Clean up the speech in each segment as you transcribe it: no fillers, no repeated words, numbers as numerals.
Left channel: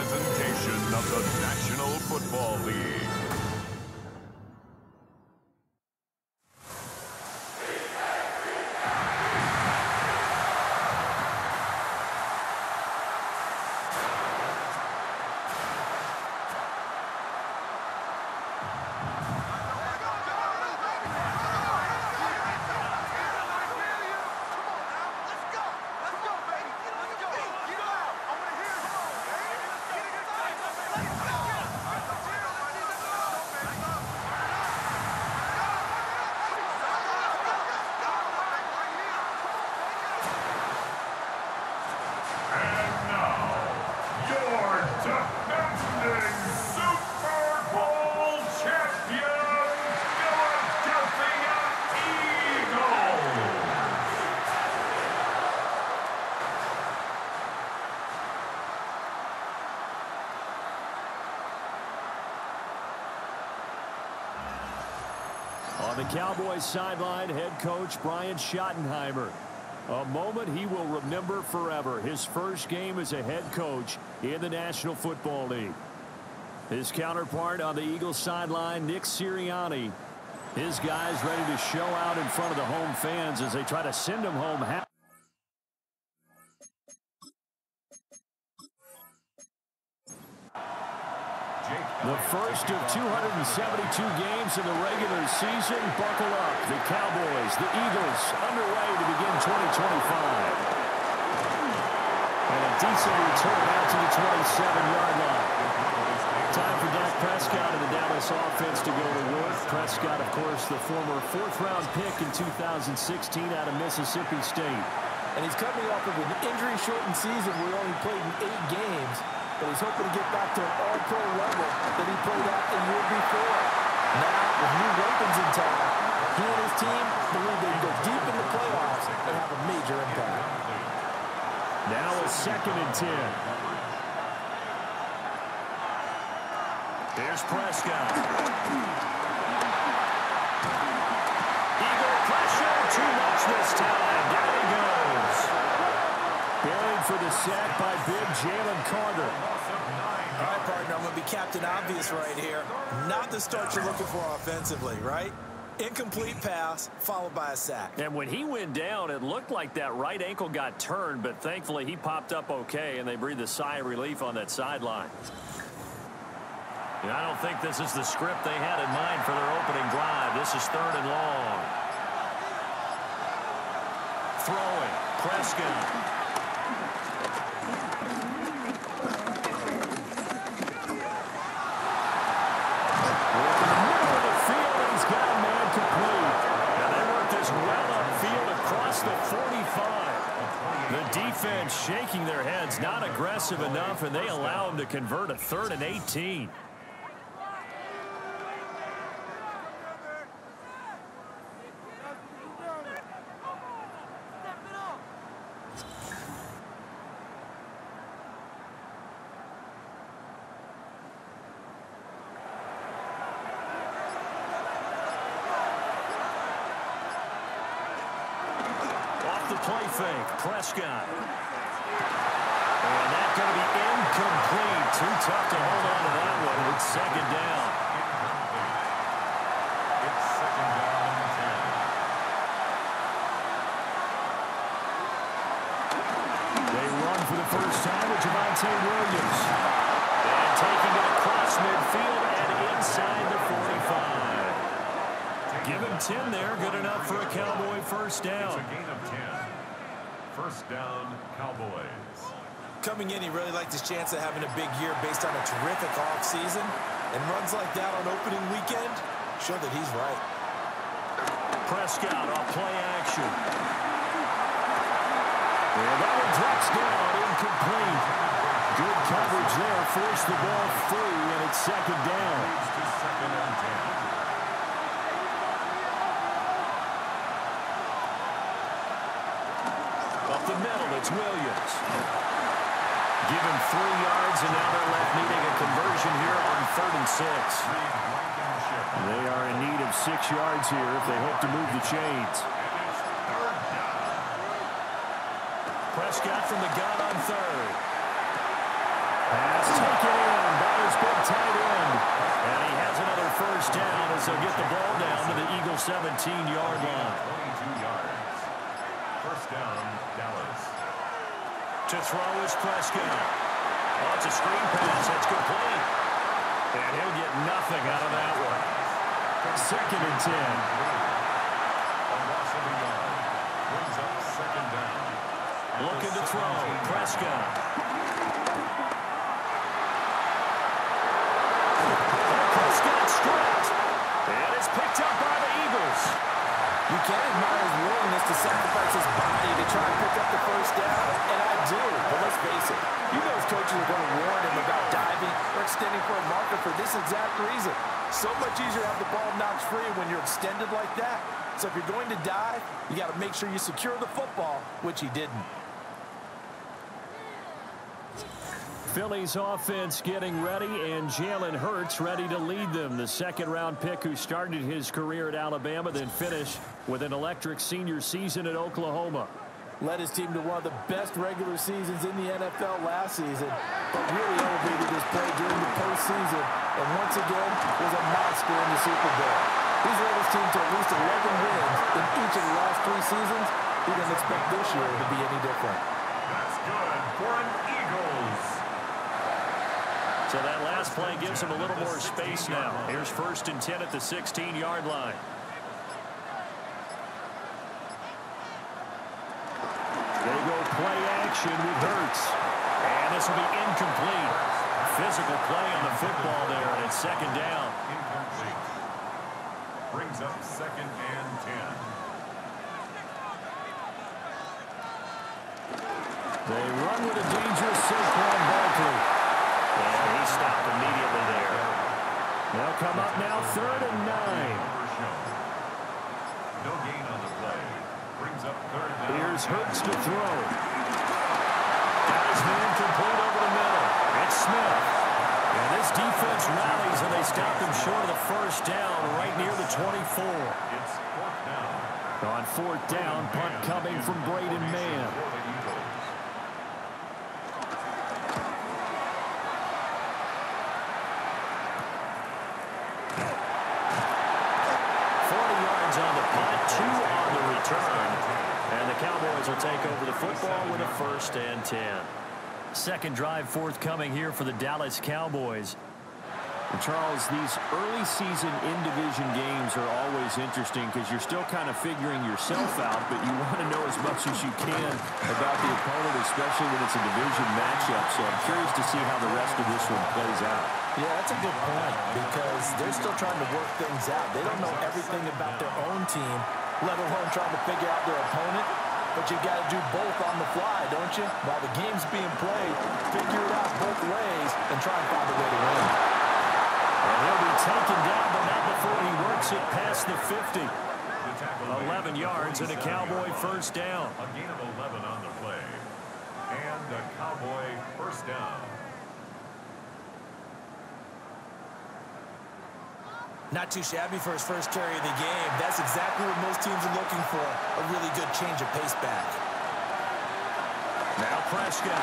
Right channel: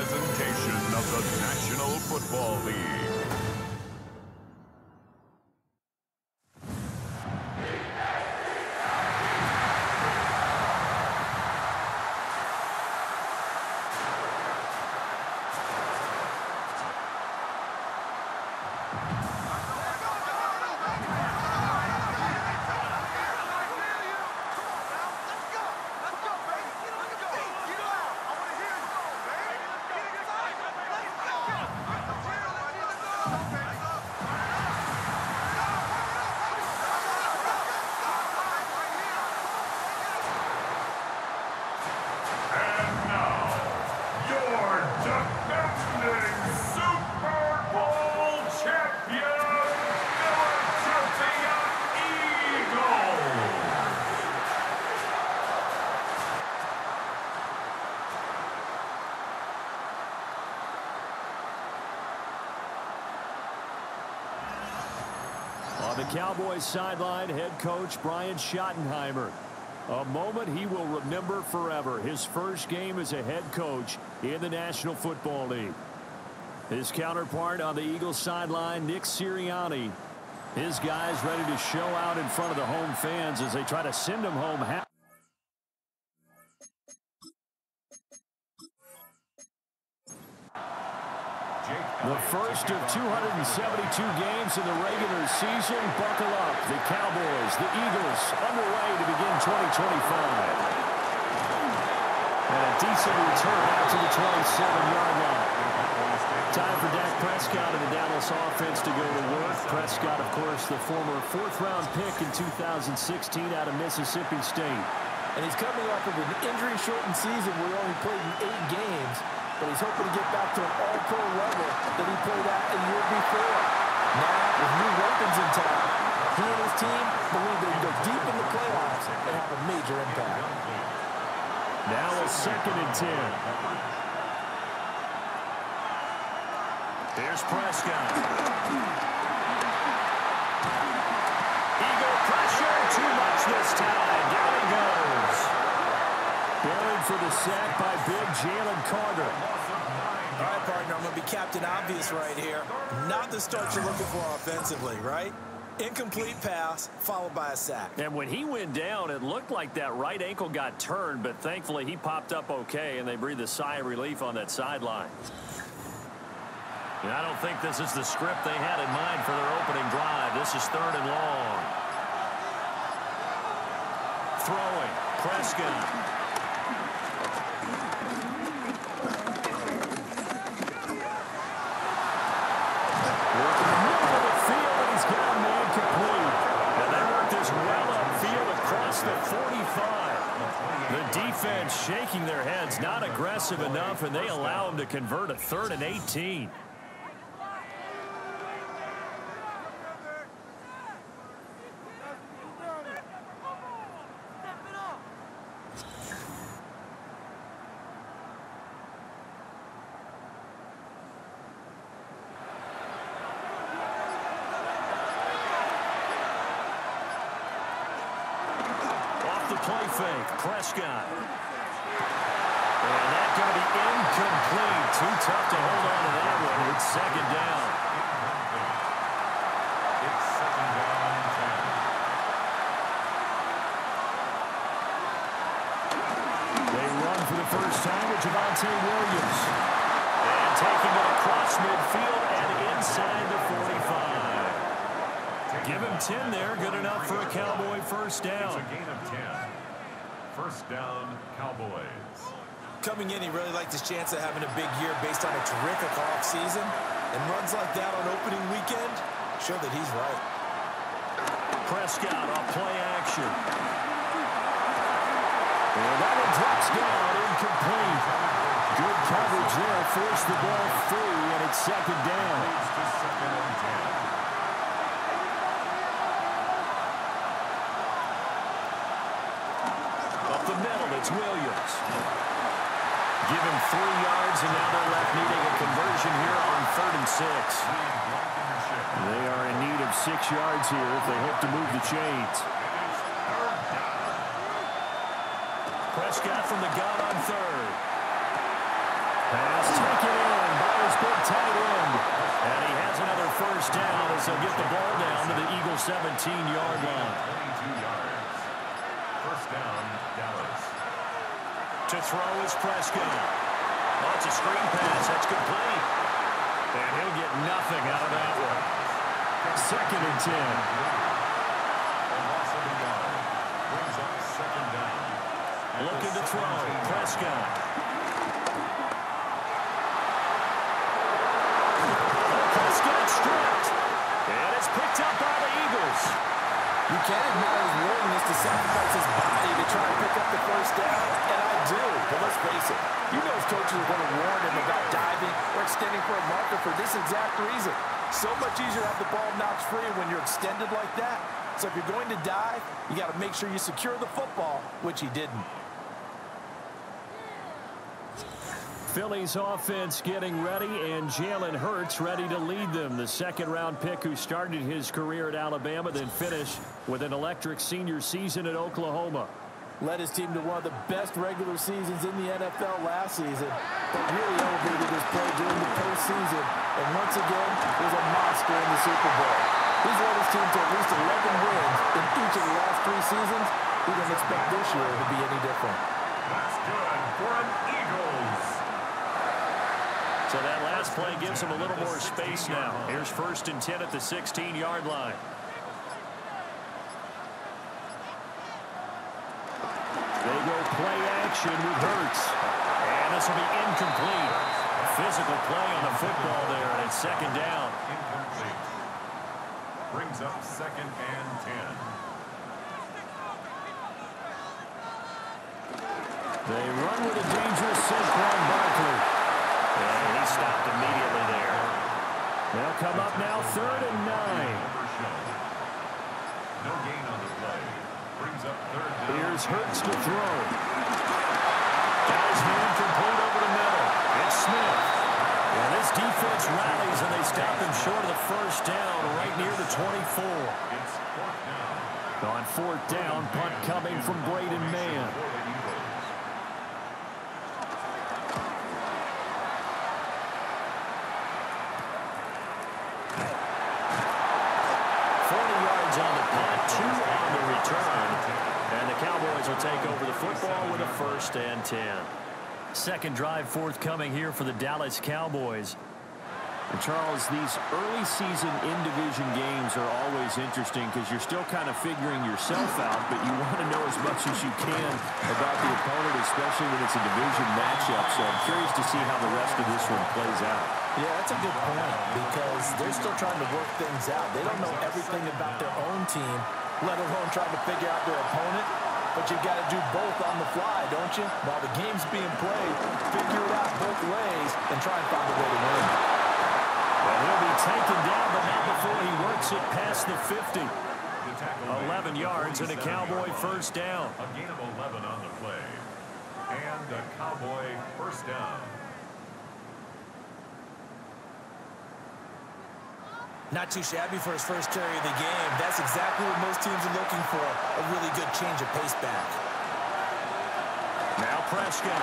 presentation of the National Football League. On the Cowboys sideline, head coach Brian Schottenheimer. A moment he will remember forever. His first game as a head coach in the National Football League. His counterpart on the Eagles sideline, Nick Sirianni. His guys ready to show out in front of the home fans as they try to send them home happy. The first of 272 games in the regular season. Buckle up. The Cowboys, the Eagles, underway to begin 2025. And a decent return out to the 27-yard line. Time for Dak Prescott and the Dallas offense to go to work. Prescott, of course, the former fourth-round pick in 2016 out of Mississippi State. And he's coming off of an injury-shortened season where he only played in 8 games. But he's hoping to get back to an all-pro level that he played at a year before. Now, with new weapons in town, he and his team believe they can go deep in the playoffs and have a major impact. Now a 2nd and 10. Here's Prescott. Eagle pressure, too much this time. Down he goes. Buried for the sack by big Jalen Carter. All right, partner, I'm going to be Captain Obvious right here. Not the start you're looking for offensively, right? Incomplete pass, followed by a sack. And when he went down, it looked like that right ankle got turned, but thankfully he popped up okay, and they breathed a sigh of relief on that sideline. And I don't think this is the script they had in mind for their opening drive. This is 3rd and long. Throwing, Prescott. The 45. The defense shaking their heads, not aggressive enough, and they allow him to convert a 3rd and 18. Play fake, Prescott. And that's going to be incomplete. Too tough to hold on to that one. It's 2nd down. It's 2nd down and 10. They run for the first time with Javonte Williams. And taking it across midfield and inside the 45. Give him 10 there. Good enough for a Cowboy first down. It's a gain of 10. First down, Cowboys. Coming in, he really liked his chance of having a big year based on a terrific offseason. And runs like that on opening weekend show that he's right. Prescott off play action. And that one drops down, incomplete. Good coverage there, forced the ball free, and it's 2nd down. Leads to 2nd and 10. Up the middle, it's Williams. Give him 3 yards, and now they're left needing a conversion here on 3rd and 6. They are in need of 6 yards here if they hope to move the chains. Prescott from the gun on 3rd. Pass taken in by his big tight end. And he has another first down as they'll get the ball down to the Eagles' 17-yard line. 22 yards. First down, Dallas. To throw is Prescott. Oh, it's a screen pass. That's complete. And he'll get nothing out of that one. Second and 10. A loss of a yard. Brings up second down. Looking to throw. Prescott. Prescott stripped. And it's picked up by the Eagles. You can't admire his willingness to sacrifice his body to try and pick up the first down, and I do. But let's face it, you know his coaches are going to warn him about diving or extending for a marker for this exact reason. So much easier to have the ball knocked free when you're extended like that. So if you're going to dive, you got to make sure you secure the football, which he didn't. Philly's offense getting ready, and Jalen Hurts ready to lead them. The second-round pick who started his career at Alabama, then finished with an electric senior season at Oklahoma. Led his team to one of the best regular seasons in the NFL last season, but really elevated his play during the postseason, and once again was a monster in the Super Bowl. He's led his team to at least 11 wins in each of the last 3 seasons. He didn't expect this year to be any different. That's good for an Eagles. So that last play gives him a little more space now. Here's first and 10 at the 16-yard line. They go play action with Hurts. And this will be incomplete. Physical play on the football there, and it's second down. Incomplete. Brings up second and 10. They run with a dangerous Saquon Barkley. And he stopped immediately there. They'll come up now, third and 9. No gain on the play. Brings up third down. Here's Hurts to throw. Got his man complete over the middle. It's Smith. And this defense rallies, and they stop him short of the first down right near the 24. It's fourth down. On fourth down, punt coming from Braden Mann. 40 yards on the punt, 2 on the return. And the Cowboys will take over the football with a first and 10. Second drive forthcoming here for the Dallas Cowboys. And Charles, these early season in-division games are always interesting because you're still kind of figuring yourself out, but you want to know as much as you can about the opponent, especially when it's a division matchup. So I'm curious to see how the rest of this one plays out. Yeah, that's a good point because they're still trying to work things out. They don't know everything about their own team, let alone trying to figure out their opponent. But you've got to do both on the fly, don't you? While the game's being played, figure it out both ways and try and find a way to win. And he'll be taken down, but not before he works it past the 50. 11 yards and a Cowboy first down. A gain of 11 on the play. And a Cowboy first down. Not too shabby for his first carry of the game. That's exactly what most teams are looking for, a really good change of pace back. Now Prescott.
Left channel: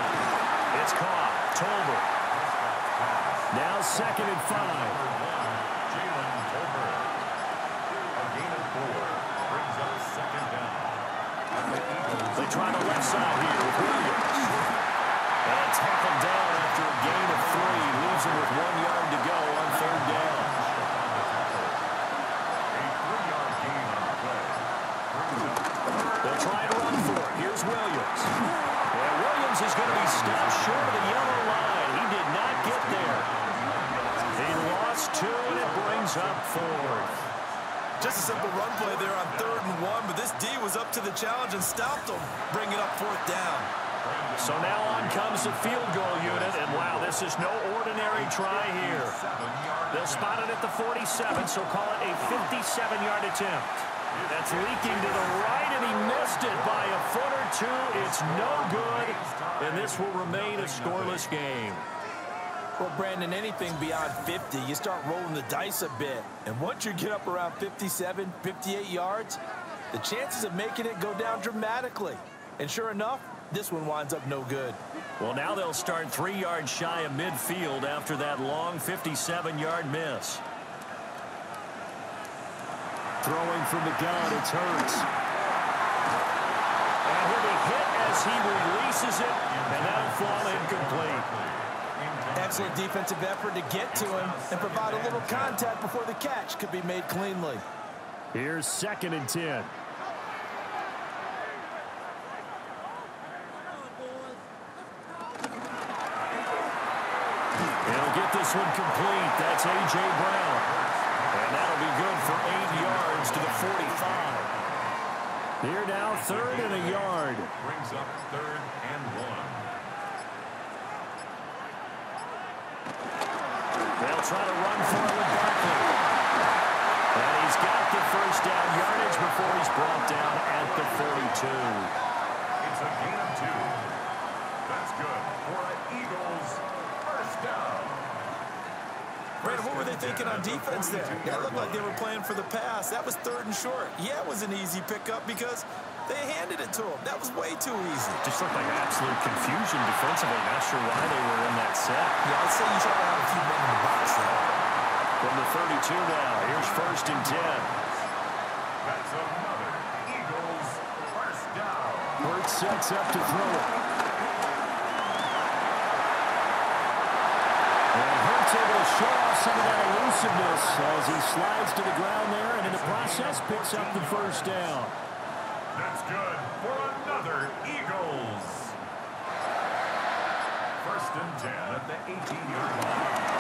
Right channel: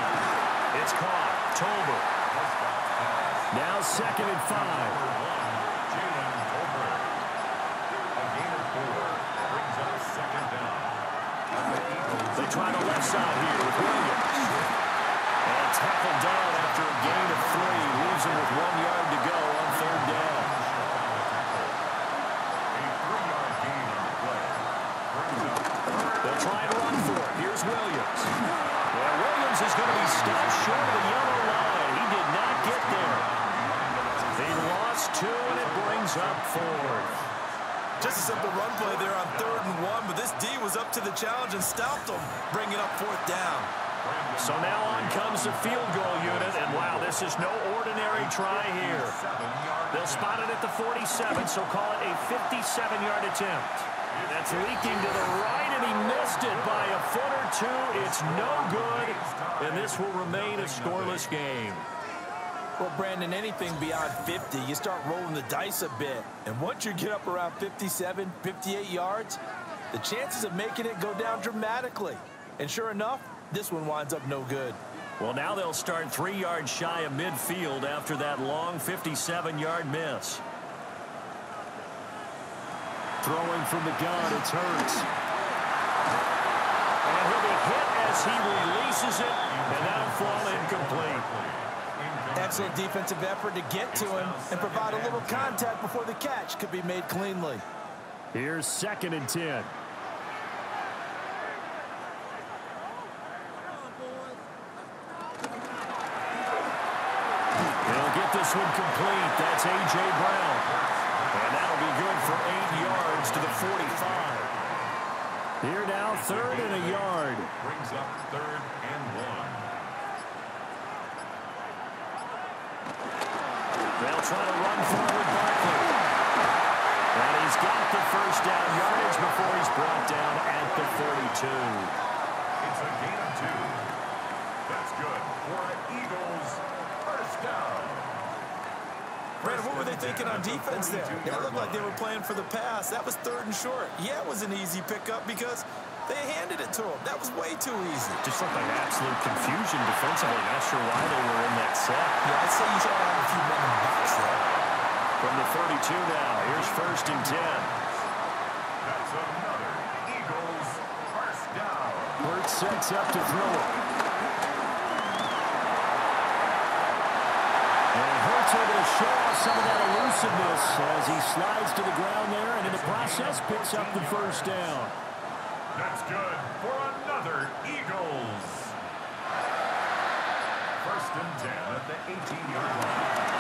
It's caught. Tolbert. Now second and 5. Jalen Tolbert. A gain of 4. Brings up second down. They try the left side here with Williams. And tackled down after a gain of 3. Leaves him with 1 yard to go on third down. They'll try and run for it. Here's Williams. Yeah, Williams is going to be stopped short of the yellow line. He did not get there. He lost 2, and it brings up 4th. Just a simple run play there on 3rd and 1, but this D was up to the challenge and stopped him, bringing up 4th down. So now on comes the field goal unit, and wow, this is no ordinary try here. They'll spot it at the 47, so call it a 57-yard attempt. That's leaking to the right, and he missed it by a foot or 2. It's no good, and this will remain a scoreless game. Well, Brandon, anything beyond 50, you start rolling the dice a bit. And once you get up around 57, 58 yards, the chances of making it go down dramatically. And sure enough, this one winds up no good. Well, now they'll start 3 yards shy of midfield after that long 57-yard miss. Throwing from the gun, it's Hurts. And he'll be hit as he releases it, and that'll fall incomplete. Excellent defensive effort to get to him and provide a little contact before the catch could be made cleanly. Here's 2nd and 10. He'll get this one complete. That's A.J. Brown. And that'll be good for 8 yards to the 45. Here now, 3rd and a yard. Brings up 3rd and 1. They'll try to run for it with Barkley. And he's got the first down yardage before he's brought down at the 42. It's a gain of 2. That's good for an Eagles first down. Brad, what were they thinking on defense there? That looked like they were playing for the pass. That was 3rd and short. Yeah, it was an easy pickup because they handed it to him. That was way too easy. Just looked like absolute confusion defensively. Not sure why they were in that set. Yeah, I'd say you should have a few men in the box there. From the 32 now, here's 1st and 10. That's another Eagles first down. Hurts sets up to throw it. And Hurts able to show off some of that elusiveness as he slides to the ground there and in the process picks up the first down. That's good for another Eagles. 1st and 10 at the 18-yard line.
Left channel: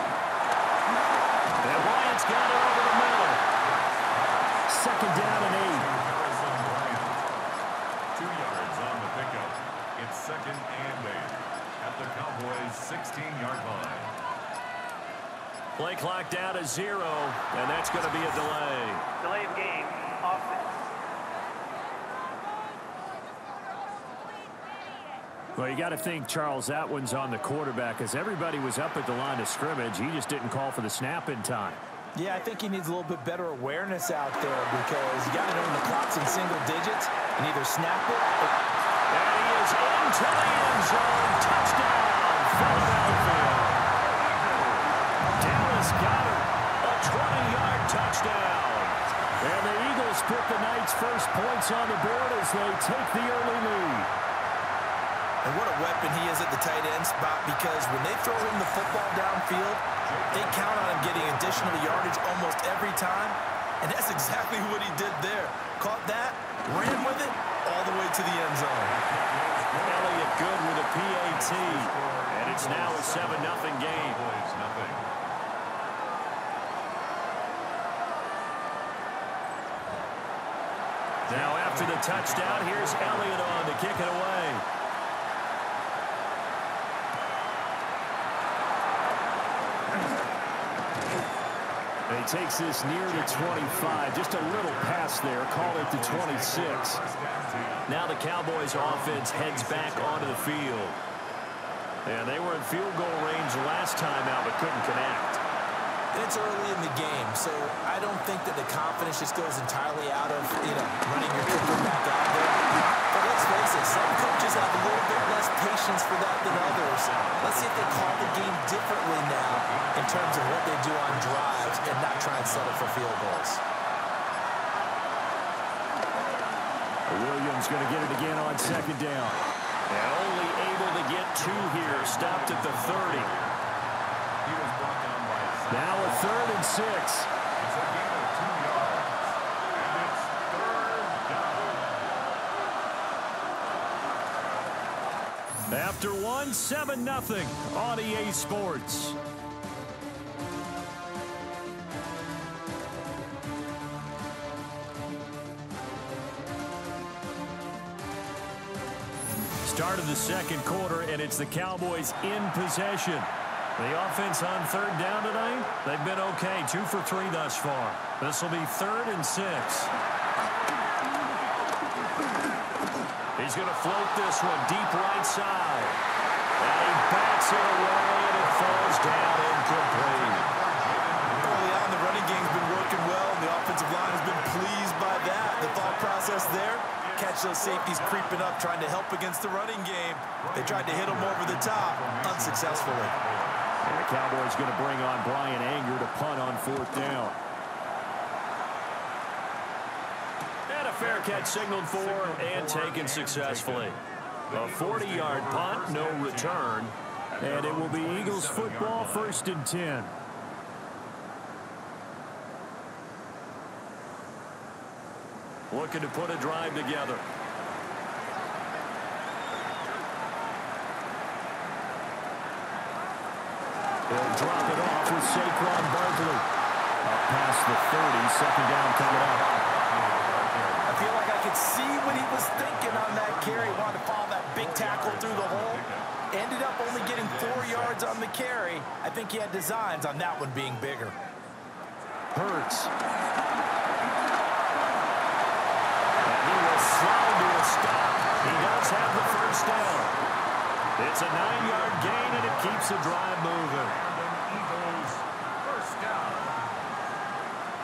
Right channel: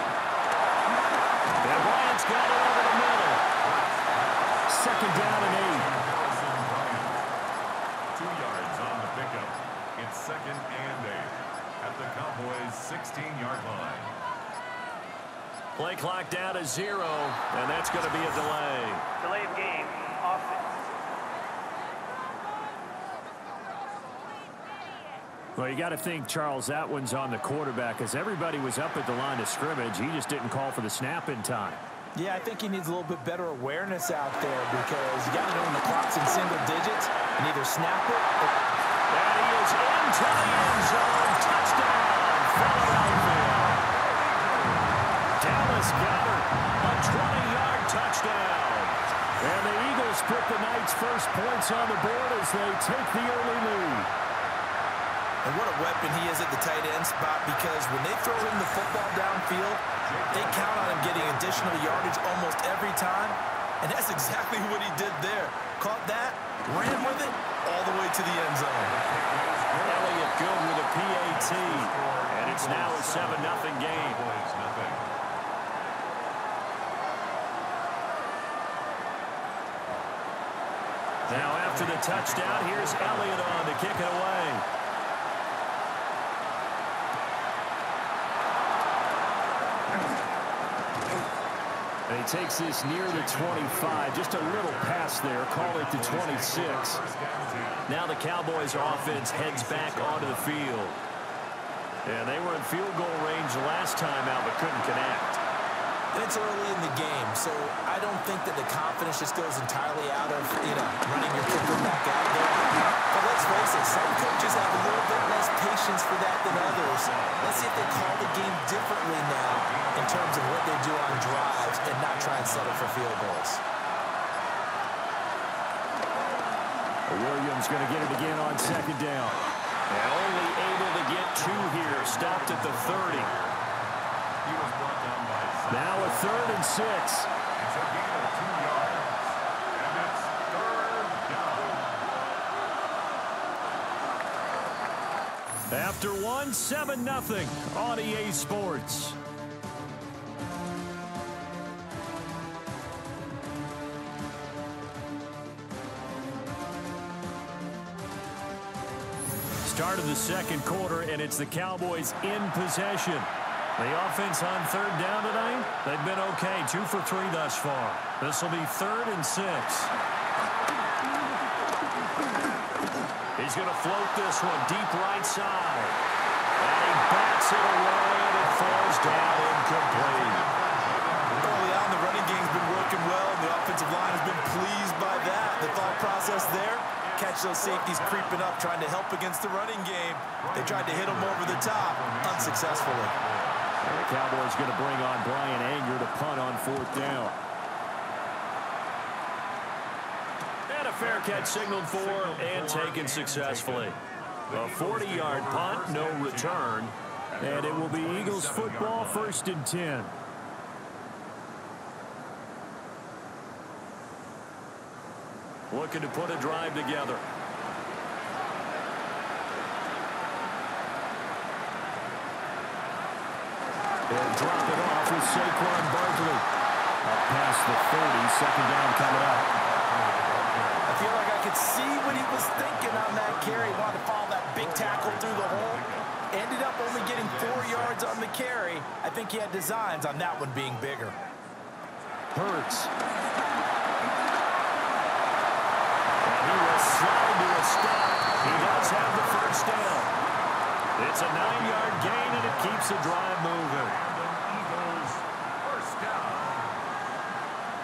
And Bryant's got it over the middle. 2nd down and 8. Harrison Bryant. 2 yards on the pickup. It's 2nd and 8 at the Cowboys' 16-yard line. Play clock down to 0, and that's going to be a delay. Delay of game, offense. Well, you got to think, Charles, that one's on the quarterback as everybody was up at the line of scrimmage. He just didn't call for the snap in time. Yeah, I think he needs a little bit better awareness out there because you got to know when the clock's in single digits and either snap it or... And he is into the end zone. Touchdown, Philadelphia. Dallas Goedert, a 20-yard touchdown. And the Eagles put the night's first points on the board as they take the early lead. And what a weapon he is at the tight end spot because when they throw him the football downfield, they count on him getting additional yardage almost every time. And that's exactly what he did there. Caught that, ran with it, all the way to the end zone. Elliott good with a PAT. And it's now a 7-0 game. Now after the touchdown, here's Elliott on to kick it away. And he takes this near the 25. Just a little pass there. Call it the 26. Now the Cowboys offense heads back onto the field. And they were in field goal range last time out but couldn't connect. And it's early in the game, so I don't think that the confidence just goes entirely out of, running your kicker back out there. But let's face it, some coaches have a little bit less patience for that than others. Let's see if they call the game differently now in terms of what they do on drives and not try and settle for field goals. Williams going to get it again on 2nd down. And only able to get 2 here. Stopped at the 30. He was brought down by now a 3rd and 6. It's a gain of 2 yards. And it's 3rd down. After one, 7-0 on EA Sports. Start of the 2nd quarter, and it's the Cowboys in possession. The offense on 3rd down tonight, they've been okay. 2 for 3 thus far. This will be 3rd and 6. He's going to float this one deep right side. And he bats it away, and it falls down incomplete. Early on, the running game's been working well, and the offensive line has been pleased by that. The thought process there, catch those safeties creeping up, trying to help against the running game. They tried to hit them over the top, unsuccessfully. And the Cowboys going to bring on Brian Anger to punt on 4th down. And a fair catch signaled for and taken successfully. A 40-yard punt, no return. And it will be Eagles football, 1st and 10. Looking to put a drive together. He'll drop it off with Saquon Barkley. Up past the 30, 2nd down coming up. I feel like I could see what he was thinking on that carry. Wanted to follow that big tackle through the hole. Ended up only getting 4 yards on the carry. I think he had designs on that one being bigger. Hurts. And he will slide to a stop. He does have the 1st down. It's a 9-yard gain, and it keeps the drive moving. Eagles 1st down.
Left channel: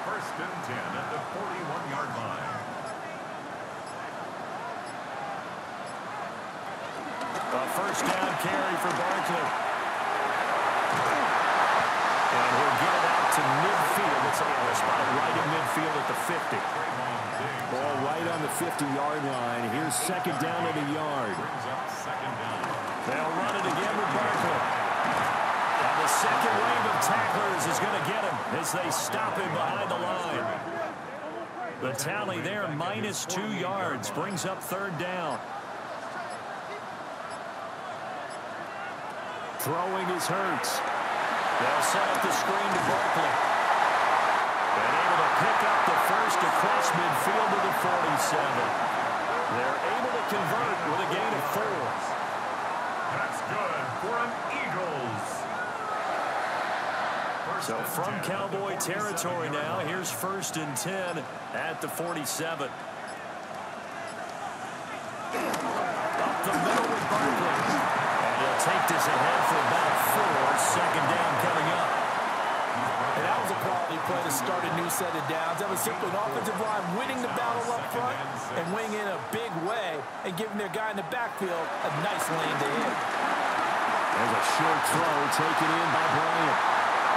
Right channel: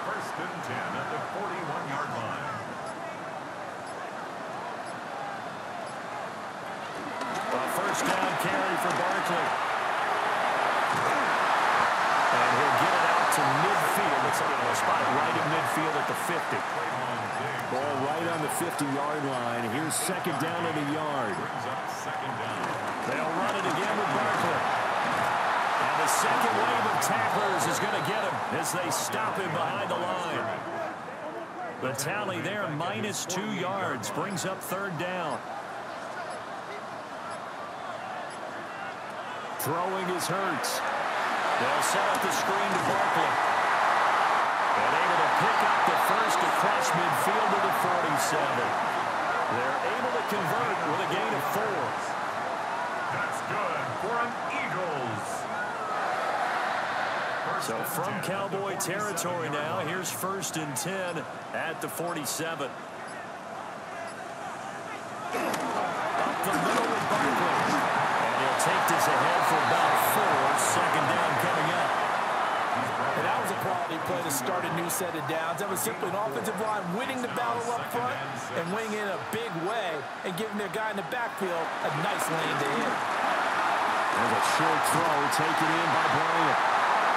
1st and 10 at the 41-yard line. A 1st down carry for Barkley. And he'll get it out to midfield. It's a spot right in midfield at the 50. Ball right on the 50-yard line. Here's 2nd down at a yard. Brings up 2nd down. They'll run it again with Barkley. And the second wave of tacklers is going to get him as they stop him behind the line. The tally there, minus 2 yards, brings up 3rd down. Throwing is Hurts. They'll set up the screen to Barkley. And able to pick up the 1st across midfield to the 47. They're able to convert with a gain of 4. That's good for an Eagles. So from Cowboy territory now, here's 1st and 10 at the 47. Up the middle with Barkley. And he'll take this ahead for about 4. 2nd down coming up. And that was a quality play to start a new set of downs. That was simply an offensive line winning the battle up front and winning in a big way and giving their guy in the backfield a nice lane to hit. There's a short throw taken in by Bryant.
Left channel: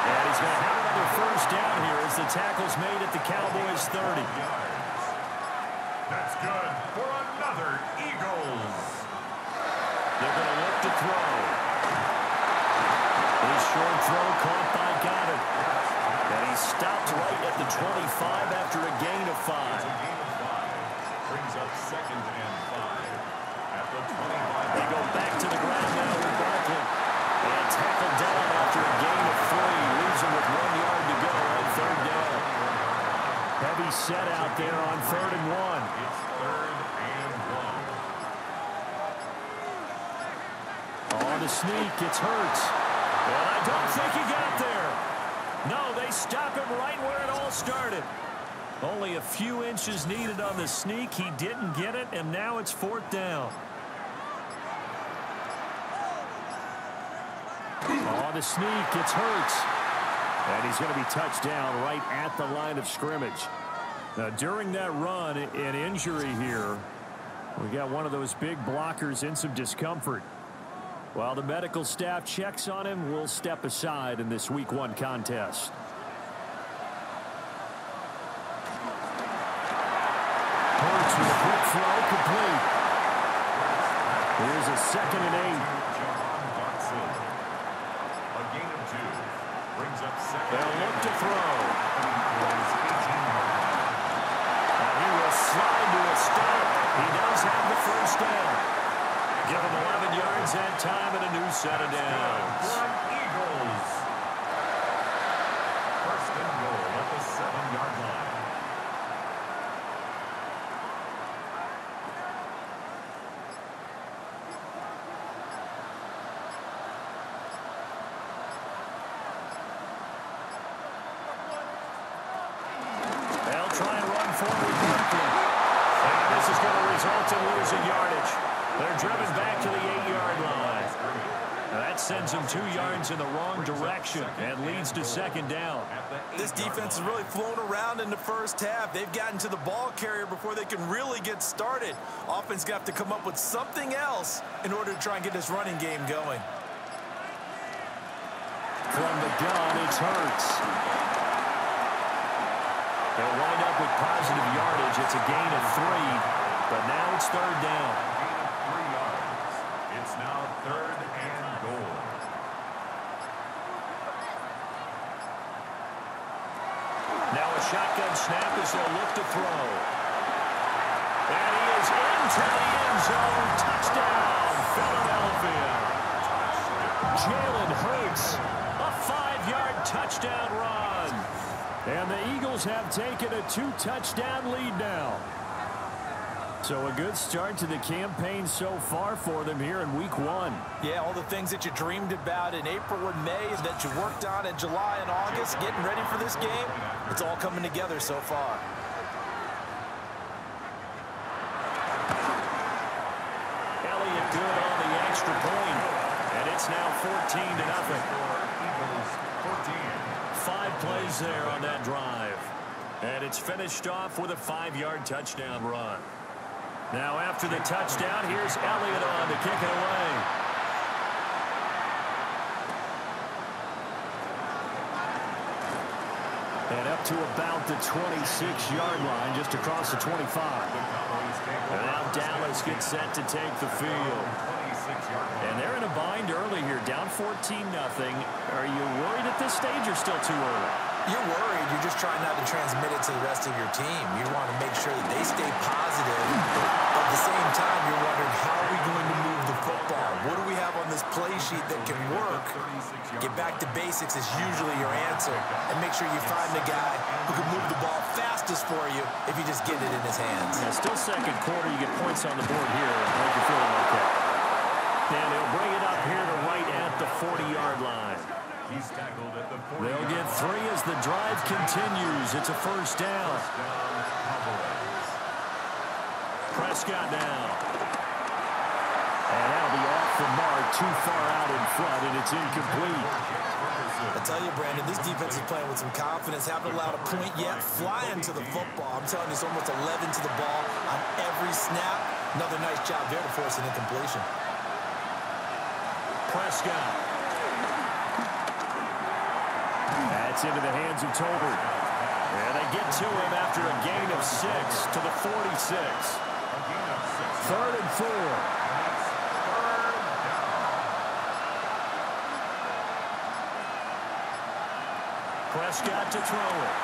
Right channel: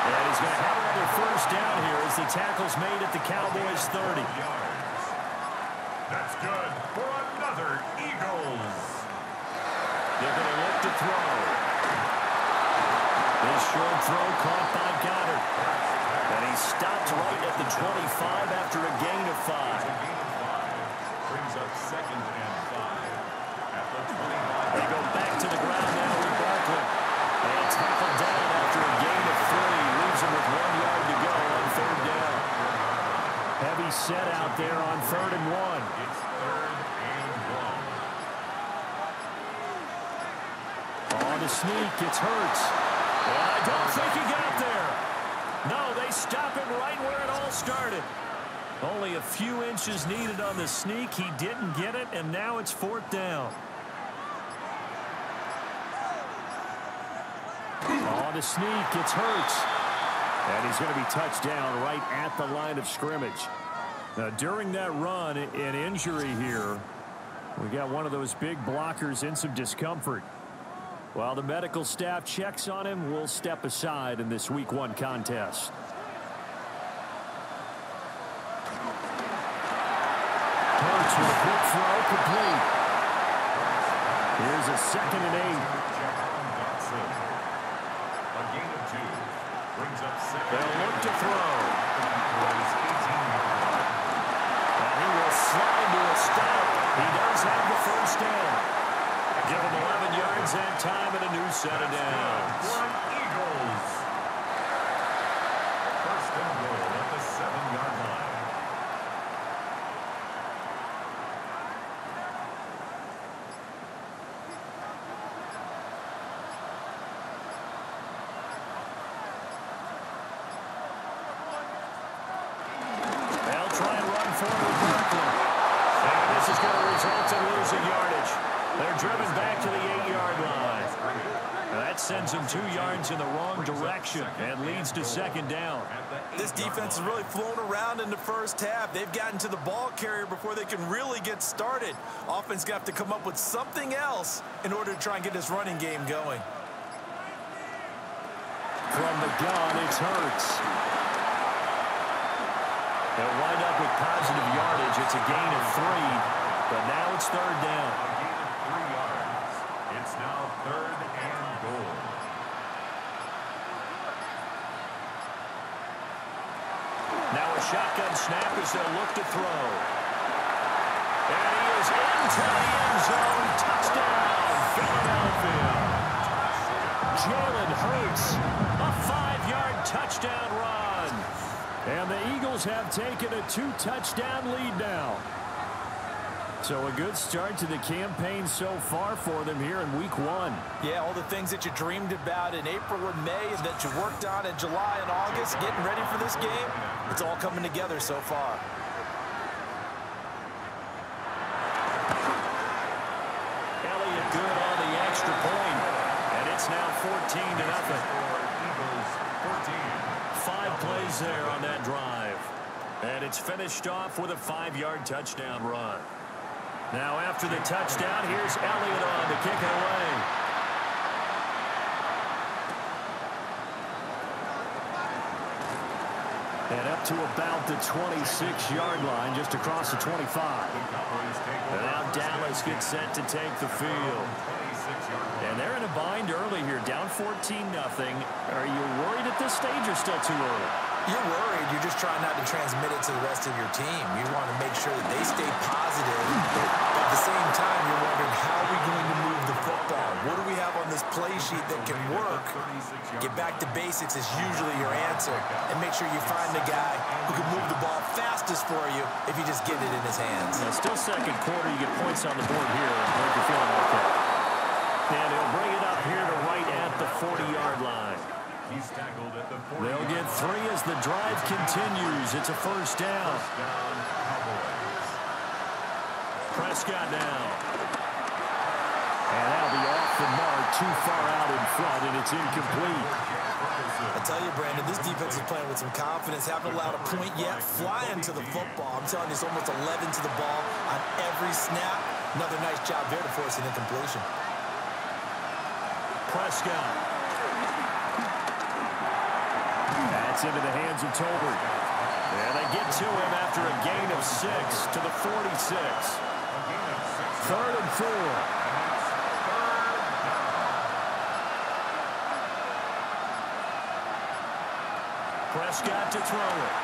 And he's going to have another 1st down here as the tackle's made at the Cowboys 30. That's good for another Eagles. They're going to look to throw. This short throw caught by Goddard. And he stopped right at the 25 after a gain of 5. It's a gain of 5. Brings up 2nd and 5 at the 25. They go back to the ground now with Barkley. And tackled down after a gain of 3. Leaves him with 1 yard to go on 3rd down. Heavy set out there on 3rd and 1. It's 3rd and 1. On the sneak, it's Hurts. And I don't think he got there. No, they stop him right where it all started. Only a few inches needed on the sneak. He didn't get it, and now it's 4th down. On the sneak, it's Hurts. And he's going to be touched down right at the line of scrimmage. Now, during that run, an injury here. We got one of those big blockers in some discomfort. While the medical staff checks on him, we'll step aside in this Week 1 contest. Hurts with a quick throw, complete. Here's a 2nd and 8. A gain of 2. Brings up 2nd. They'll look to throw. And he will slide to a stop. He does have the 1st down. Give him 11 yards and time and a new set of downs. For Eagles. 1st and goal at the 7-yard line. They'll try and run forward with Barkley. And this is going to result in losing yardage. They're driven back to the 8-yard line. That sends him 2 yards in the wrong direction and leads to second down. This defense has really flown around in the first half. They've gotten to the ball carrier before they can really get started. Offense got to come up with something else in order to try and get this running game going. From the gun, it's Hurts. They'll wind up with positive yardage. It's a gain of 3, but now it's third down. A gain of 3 yards. It's now third and goal. Now a shotgun snap as they'll look to throw. And he is into the end zone. Touchdown, Philadelphia. Jalen Hurts, a 5-yard touchdown run. And the Eagles have taken a 2-touchdown lead now. So a good start to the campaign so far for them here in week 1. Yeah, all the things that you dreamed about in April and May and that you worked on in July and August, getting ready for this game, it's all coming together so far. Elliott good on the extra point, and it's now 14-0. Eagles 14. 5 plays there on that drive. And it's finished off with a 5-yard touchdown run. Now after the touchdown, here's Elliott on to kick it away. And up to about the 26-yard line, just across the 25. And now Dallas gets set to take the field. And they're in a bind early here, down 14-0. Are you worried at this stage or still too early? You're worried. You're just trying not to transmit it to the rest of your team. You want to make sure that they stay positive. But at the same time, you're wondering, how are we going to move the football? What do we have on this play sheet that can work? Get back to basics is usually your answer. And make sure you find the guy who can move the ball fastest for you if you just get it in his hands. Yeah, still second quarter. You get points on the board here. I hope you're feeling okay. And he'll bring it up here to right at the 40-yard line. He's tackled at the 40. They'll get 3 as the drive continues. It's a first down. First down, Cowboys. Prescott now. And that'll be off the mark, too far out in front, and it's incomplete. I tell you, Brandon, this defense is playing with some confidence. Haven't allowed a point yet. Flying to the football. I'm telling you, it's almost 11 to the ball on every snap. Another nice job there to force an incompletion. Prescott. That's into the hands of Tolbert. And they get to him after a gain of 6 to the 46. Third and 4. Prescott to throw it.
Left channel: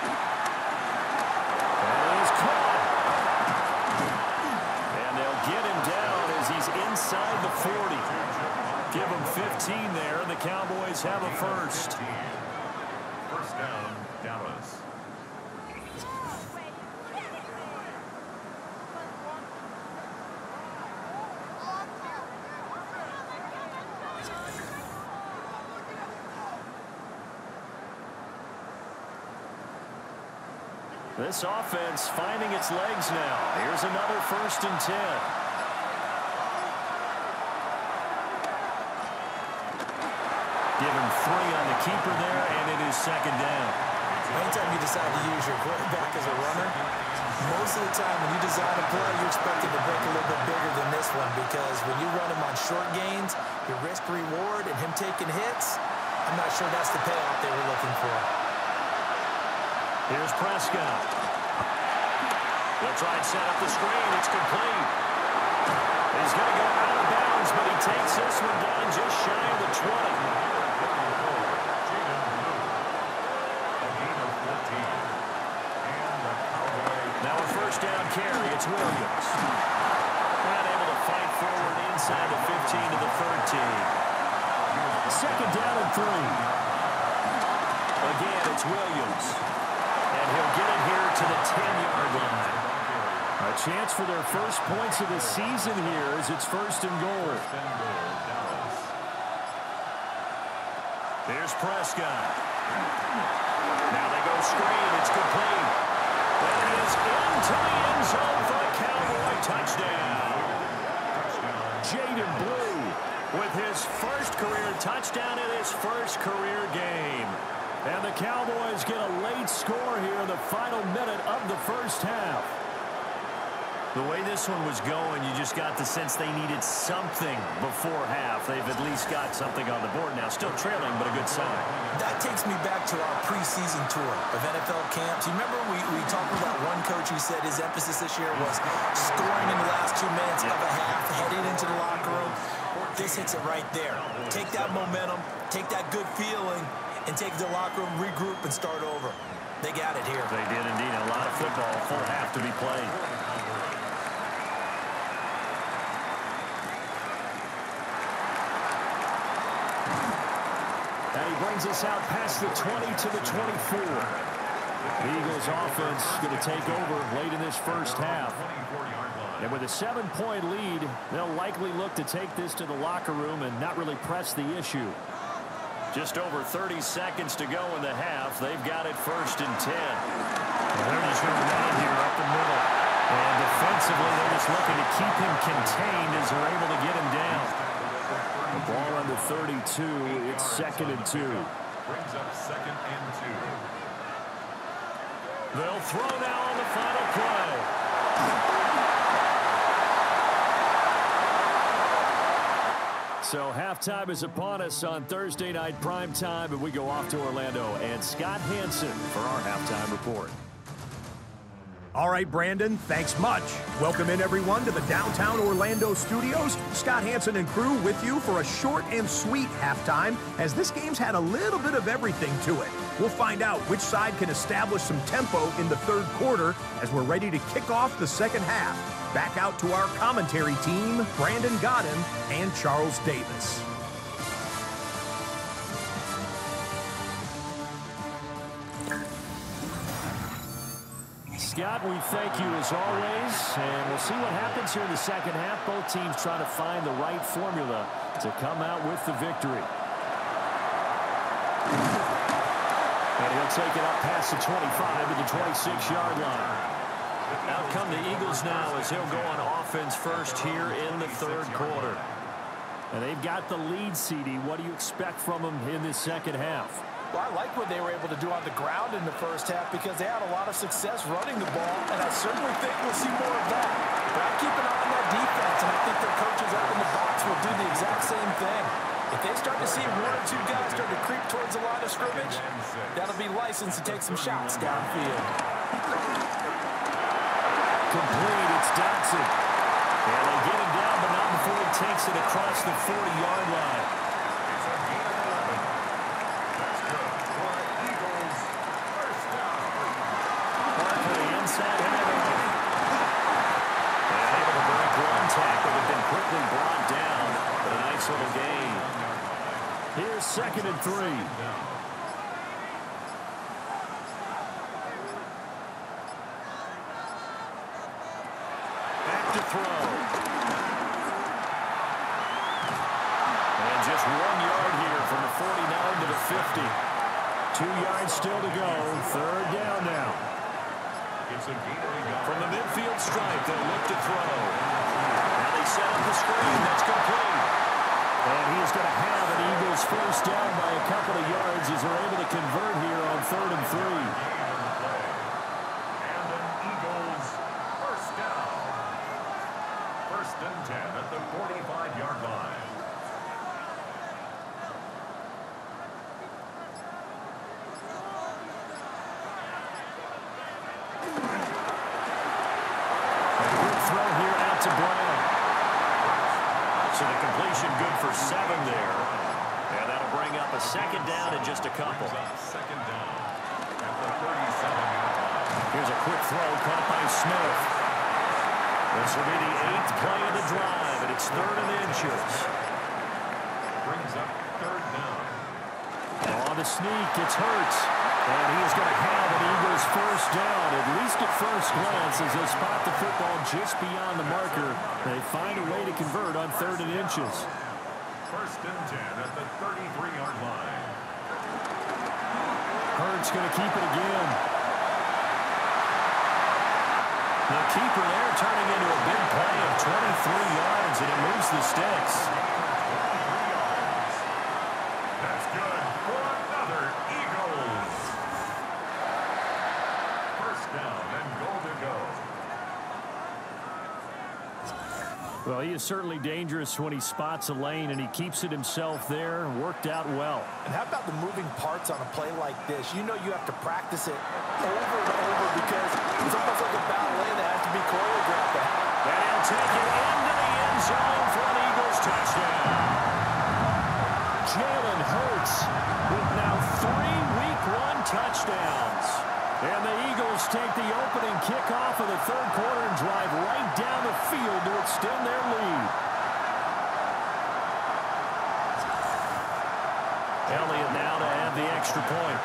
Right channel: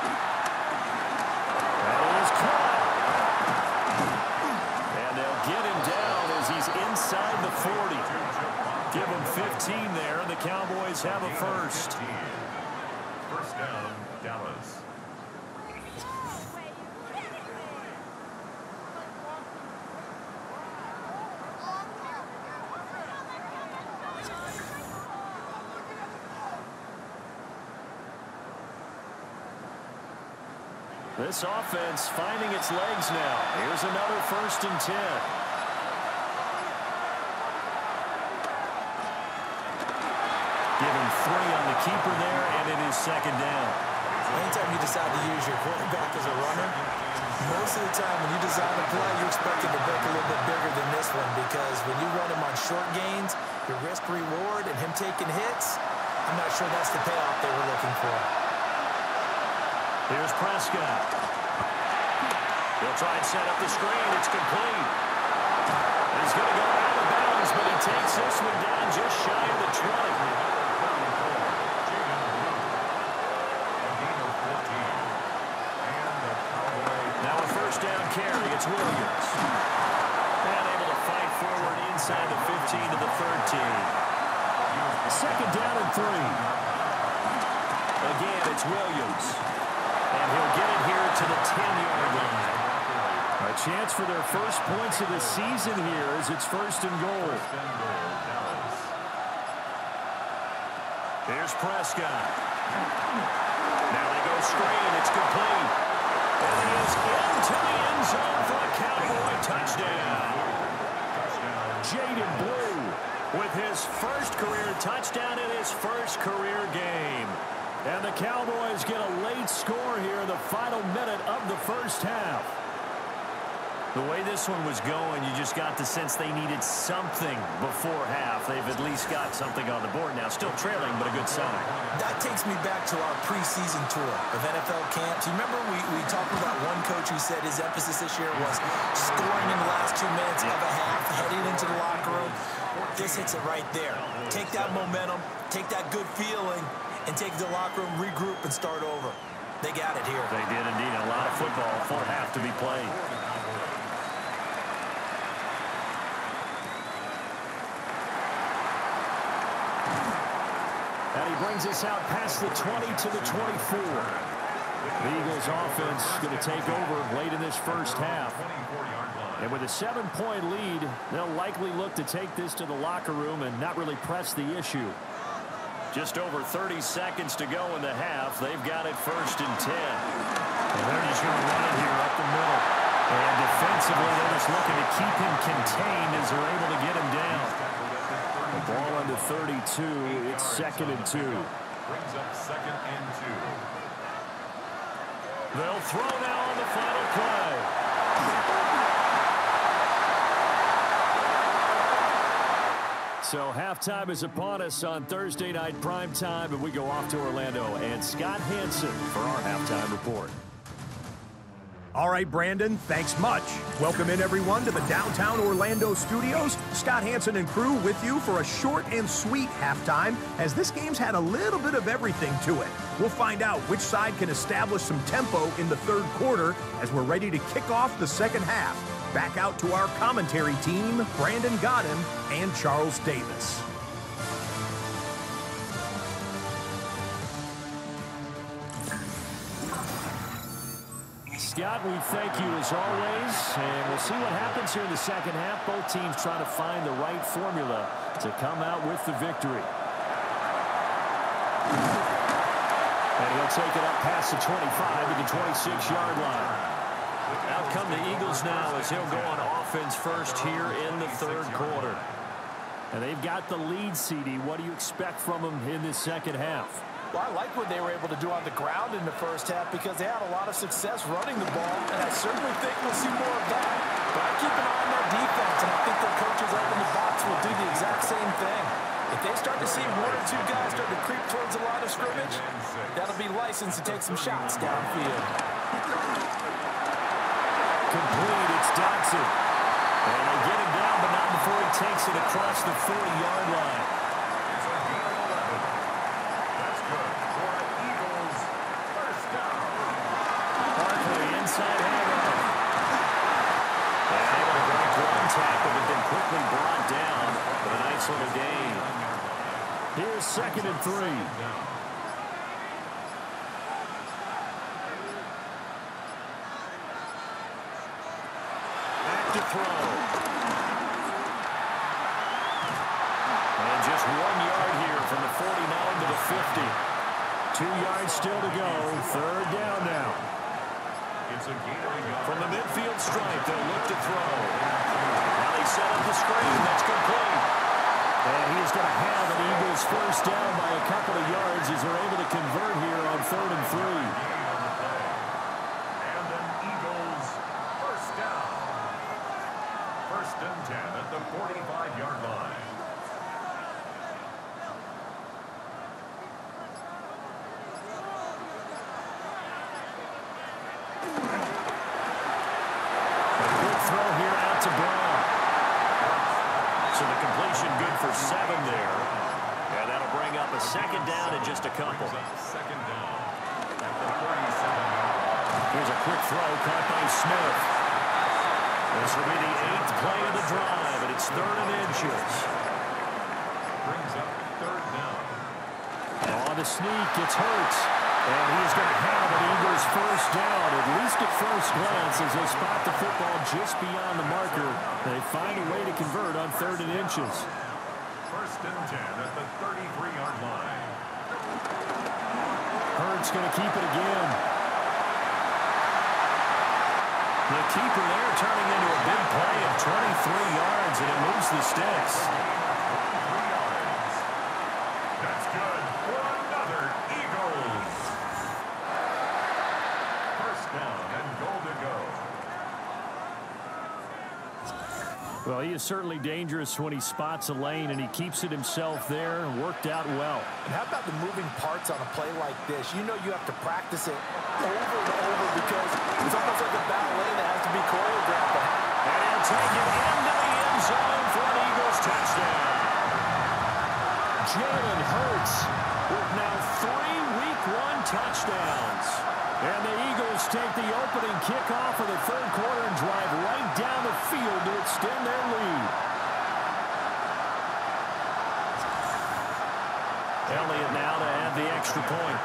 That is caught. And they'll get him down as he's inside the 40. Give him 15 there, and the Cowboys have a first. First down, Dallas. This offense finding its legs now. Here's another 1st and 10. Give him 3 on the keeper there, and it is second down. Anytime you decide to use your quarterback as a runner, most of the time when you design a play, you're expecting to break a little bit bigger than this one, because when you run him on short gains, your risk-reward and him taking hits, I'm not sure that's the payoff they were looking for. Here's Prescott. He'll try and set up the screen. It's complete. He's going to go out of bounds, but he takes this one down just shy of the 20. Now a first down carry. It's Williams. And able to fight forward inside the 15 to the 13. Second down and 3. Again, it's Williams. And he'll get it here to the 10-yard line. A chance for their first points of the season here as it's first and goal. Here's Prescott. Now they go screen. It's complete. And he is into the end zone for a Cowboy touchdown. Jaden Blue with his first career touchdown in his first career game. And the Cowboys get a late score here in the final minute of the first half. The way this one was going, you just got the sense they needed something before half. They've at least got something on the board now. Still trailing, but a good sign. That takes me back to our preseason tour of NFL camps. You remember we talked with that one coach who said his emphasis this year was scoring in the last 2 minutes of a half, heading into the locker room. This hits it right there. Take that momentum, take that good feeling, and take the locker room, regroup, and start over. They got it here. They did indeed. A lot of football, full half to be played. And he brings us out past the 20 to the 24. The Eagles offense going to take over late in this first half. And with a 7-point lead, they'll likely look to take this to the locker room and not really press the issue. Just over 30 seconds to go in the half. They've got it 1st and 10. And they're just going to run it here up the middle. And defensively, they're just looking to keep him contained as they're able to get him down. The ball on the 32. It's 2nd and 2. Brings up 2nd and 2. They'll throw now on the final play. So halftime is upon us on Thursday night primetime, and we go off to Orlando and Scott Hansen for our halftime report. All right, Brandon, thanks much. Welcome in, everyone, to the downtown Orlando studios. Scott Hansen and crew with you for a short and sweet halftime, as this game's had a little bit of everything to it. We'll find out which side can establish some tempo in the third quarter as we're ready to kick off the second half. Back out to our commentary team, Brandon Godden and Charles Davis. Scott, we thank you as always, and we'll see what happens here in the second half. Both teams trying to find the right formula to come out with the victory. And he'll take it up past the 25 to the 26-yard line. Out come the Eagles now as he'll go on offense first here in the third quarter. And they've got the lead, CD. What do you expect from them in this second half? Well, I like what they were able to do on the ground in the first half because they had a lot of success running the ball, and I certainly think we'll see more of that. But I keep an eye on that defense, and I think their coaches up in the box will do the exact same thing. If they start to see 1 or 2 guys start to creep towards the line of scrimmage, that'll be license to take some shots downfield. Complete, it's Dotson. And they get him down, but not before he takes it across the 40-yard line. It's a gain of 11. That's good for an Eagles first down. Barkley inside handoff. And able to break one tackle, but then quickly brought down. But a nice little gain. Here's 2nd and 3. To throw. And just 1 yard here from the 49 to the 50. 2 yards still to go. Third down now. It's a gain of a yard. From the midfield stripe, they'll look to throw. Now they set up the screen. That's complete. And he is going to have an Eagles first down by a couple of yards as they're able to convert here on 3rd and 3. And an Eagles first down. 1st and 10 at the 45-yard line. A quick throw here out to Brown. So the completion good for 7 there. And that'll bring up a 2nd down and just a couple. 2nd down at the 37-yard line. Here's a quick throw caught by Smith. This will be the 8th play of the drive, and it's 3rd and inches. Brings up 3rd down. On the sneak, it's Hurts. And he is going to have an Eagles first down, at least at first glance, as they spot the football just beyond the marker. They find a way to convert on 3rd and inches. 1st and 10 at the 33-yard line. Hurts going to keep it again. The keeper there turning into a big play of 23 yards, and it moves the sticks. Well, he is certainly dangerous when he spots a lane, and he keeps it himself there. Worked out well. And how about the moving parts on a play like this? You know you have to practice it over and over because it's almost like a ballet that has to be choreographed. And he'll take it into the end zone for an Eagles touchdown. Jalen Hurts with now 3 Week 1 touchdowns. And the Eagles take the opening kickoff of the third quarter and drive right down the field to extend their lead. Elliott now to add the extra point.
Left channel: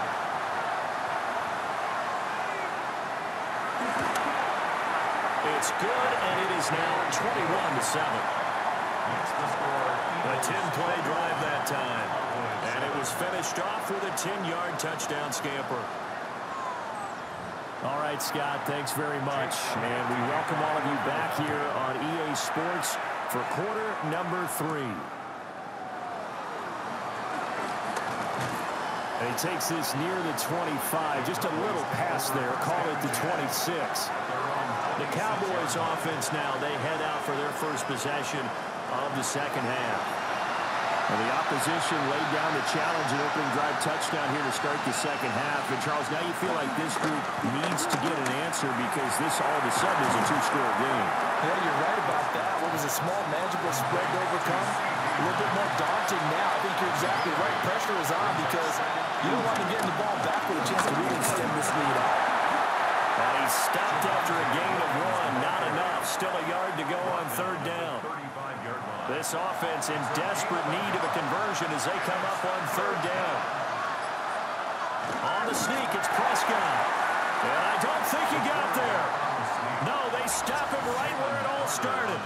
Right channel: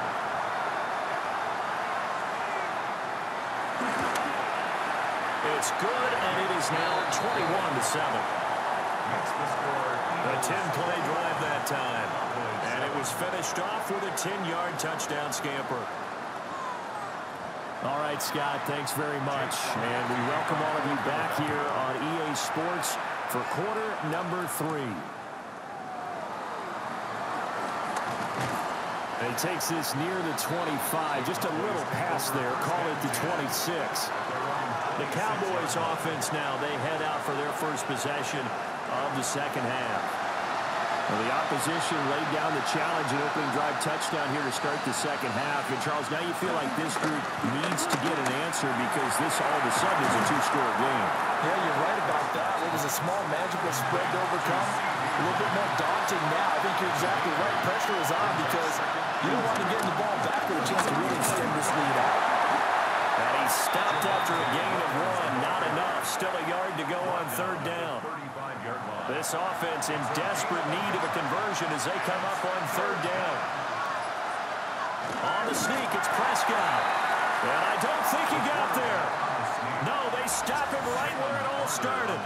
It's good, and it is now 21-7. A 10-play drive that time. And it was finished off with a 10-yard touchdown scamper. All right, Scott, thanks very much. And we welcome all of you back here on EA Sports for quarter number 3. And he takes this near the 25, just a little past there, call it the 26. The Cowboys offense now, they head out for their first possession of the second half. Well, the opposition laid down the challenge and opening drive touchdown here to start the second half. And, Charles, now you feel like this group needs to get an answer because this all of a sudden is a 2-score game. Yeah, you're right about that. What was a small, manageable spread to overcome? A little bit more daunting now. I think you're exactly right. Pressure is on because you don't want to get the ball back with a chance to really extend this lead out. And he stopped after a gain of 1. Not enough. Still a yard to go on third down. This offense in desperate need of a conversion as they come up on third down. On the sneak, it's Prescott. And I don't think he got there. No, they stop him right where it all started.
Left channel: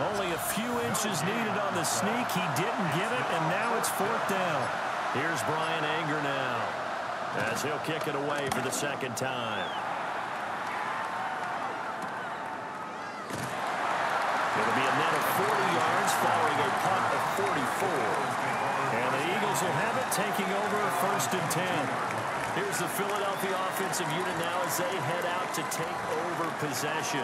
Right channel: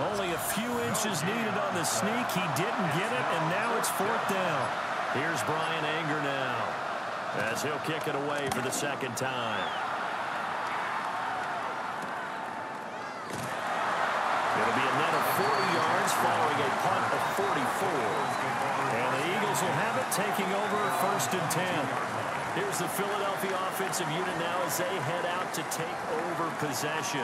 Only a few inches needed on the sneak. He didn't get it, and now it's fourth down. Here's Brian Anger now as he'll kick it away for the second time. It'll be a net of 40 yards following a punt of 44. And the Eagles will have it, taking over first and 10. Here's the Philadelphia offensive unit now as they head out to take over possession.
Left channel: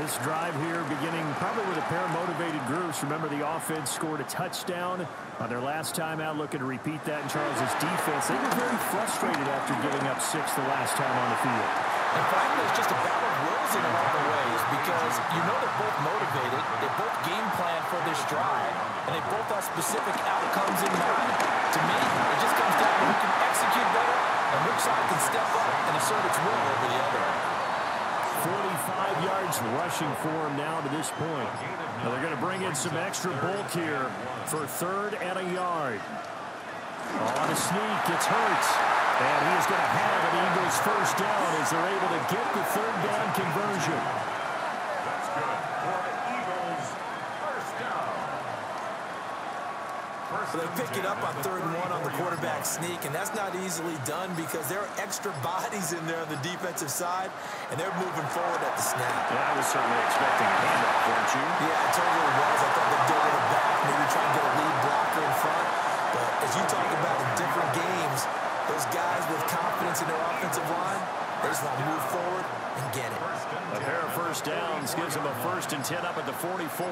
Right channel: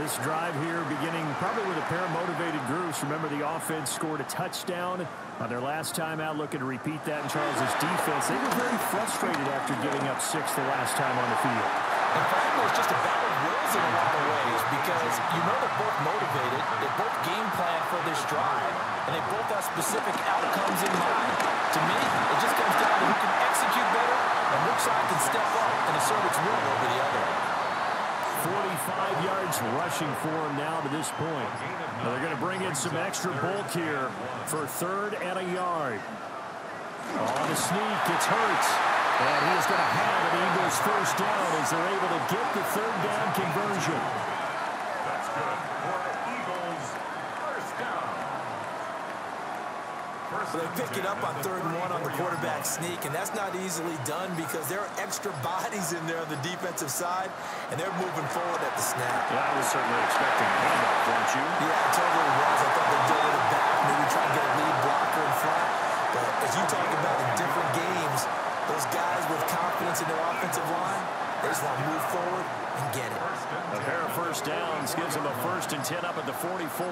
This drive here beginning probably with a pair of motivated groups. Remember, the offense scored a touchdown on their last time out, looking to repeat that in Charles's defense. They were very frustrated after giving up 6 the last time on the field. And frankly, it's just a battle of wills in a lot of ways because you know they're both motivated, they both game plan for this drive, and they both have specific outcomes in mind. To me, it just comes down to who can execute better and which side can step up and assert its will over the other. 45 yards rushing for him now to this point. Now they're going to bring in some extra bulk here for third and a yard. On a sneak, it's Hurts. And he is going to have an Eagles first down as they're able to get the third down conversion. That's good for the Eagles first down. So they pick it up on 3rd and 1 on the quarterback sneak, and that's not easily done because there are extra bodies in there on the defensive side, and they're moving forward at the snap. Yeah, I was certainly expecting a handoff, weren't you? Yeah, I totally was. I thought they'd go to the back, maybe try and get a lead blocker in front. But as you talk about in different games, those guys with confidence in their offensive line, they just want to move forward and get it. A pair of first downs gives them a 1st and 10 up at the 44.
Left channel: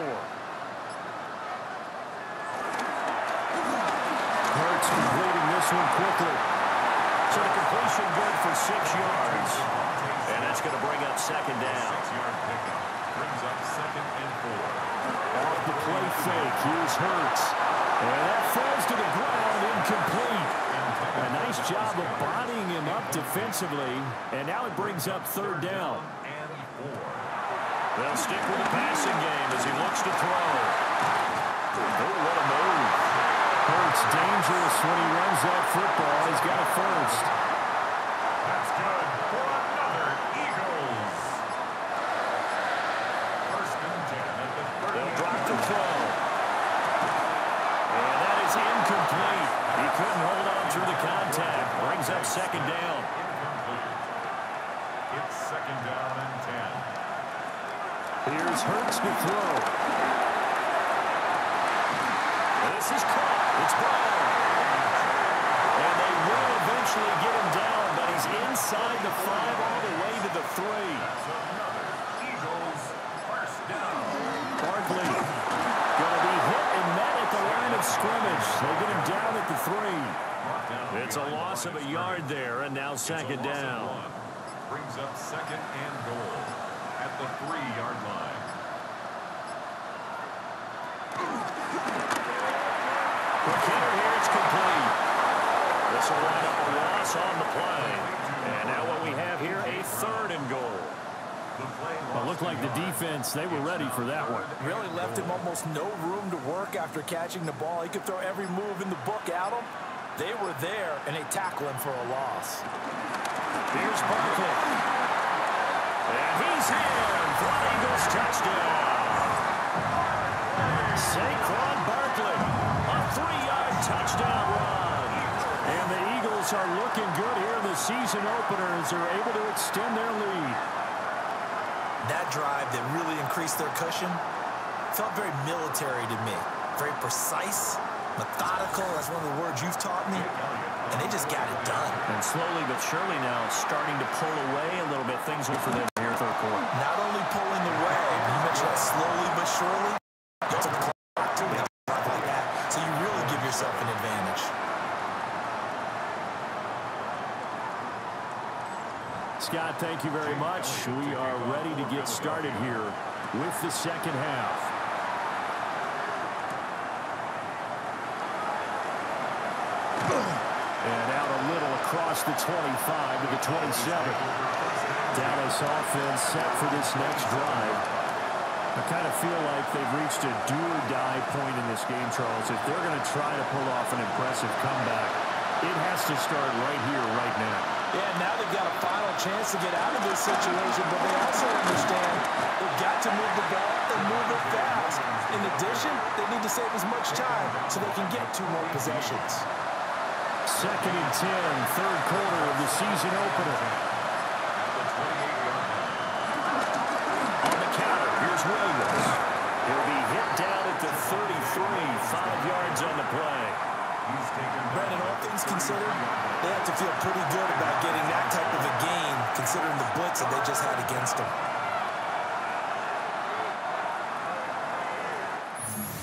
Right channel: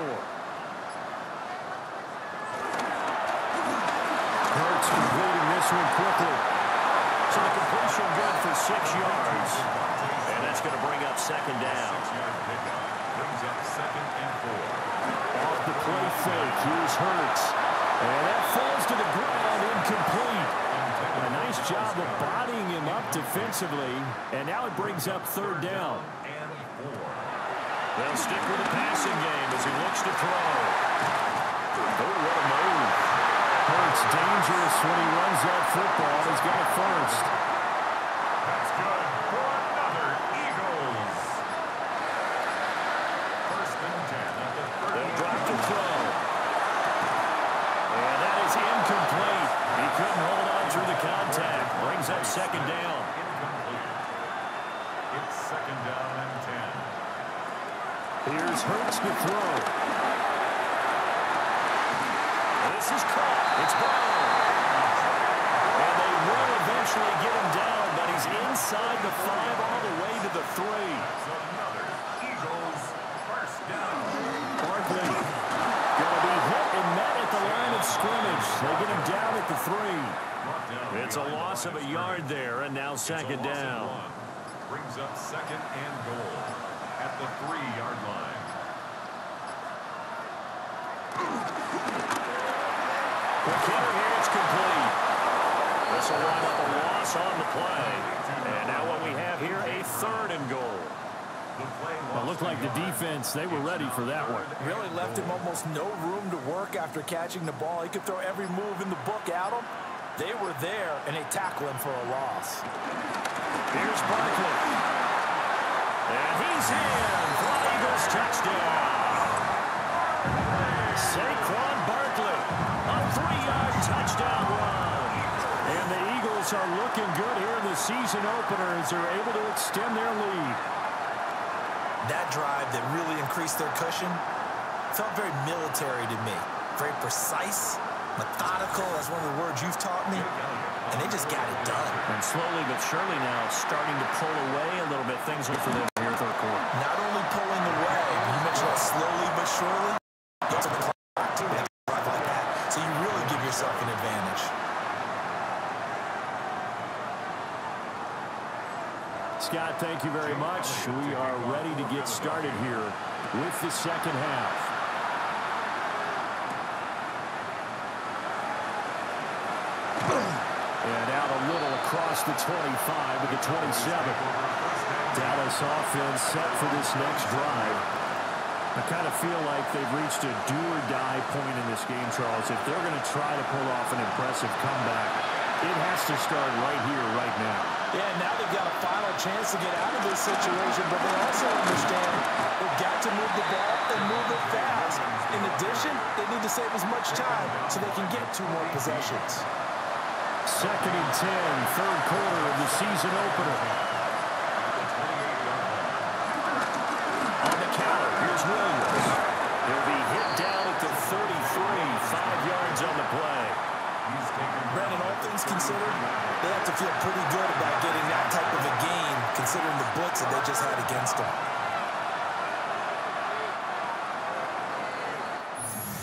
Hurts completing this one quickly. So the completion good for 6 yards. And that's going to bring up second down. 6-yard pickup brings up 2nd and 4. Off the play fake, here's Hurts. And that falls to the ground, incomplete. A nice job of bodying him up defensively. And now it brings up third down. And 4. They'll stick with the passing game as he looks to throw. Oh, what a move. Hurts dangerous when he runs that football. He's got a first. That's good for another Eagles. 1st and 10 at the 30. They'll drop the throw. And that is incomplete. He couldn't hold on through the contact. Brings up second down. Incomplete. It's 2nd down and 10. Here's Hurts to throw. This is caught. It's Brown. And they will eventually get him down, but he's inside the 5 all the way to the 3. That's another Eagles first down. Well, Eagles. They get him down at the 3. It's a loss of a yard there, and now second down. Brings up second and goal at the 3-yard line. Quick hitter here, it's complete. This will wind up a loss on the play. And now what we have here, a 3rd and goal. It looked like the defense, they were ready for that one. Really left him almost no room to work after catching the ball. He could throw every move in the book at him. They were there, and they tackle him for a loss. Here's Barkley. And he's in for an Eagles touchdown. Saquon Barkley, a 3-yard touchdown run. And the Eagles are looking good here in the season opener as they're able to extend their lead. That drive that really increased their cushion felt very military to me. Very precise, methodical. That's one of the words you've taught me. And they just got it done. And slowly but surely now starting to pull away a little bit. Things look for them here in 3rd quarter. Not only pulling away, but you mentioned that slowly but surely. You also the clock too with a drive like that. So you really give yourself an advantage. Scott, thank you very much. We are ready to get started here with the second half. And out a little across the 25 to the 27. Dallas offense set for this next drive. I kind of feel like they've reached a do-or-die point in this game, Charles. If they're going to try to pull off an impressive comeback, it has to start right here, right now. Yeah, now they've got a final chance to get out of this situation, but they also understand they've got to move the ball and move it fast. In addition, they need to save as much time so they can get 2 more possessions. 2nd and 10, 3rd quarter of the season opener. On the counter, here's Williams. He'll be hit down at the 33, 5 yards on the play. Brandon, all things considered, they have to feel pretty good about getting that type of a gain, considering the blitz that they just had against them.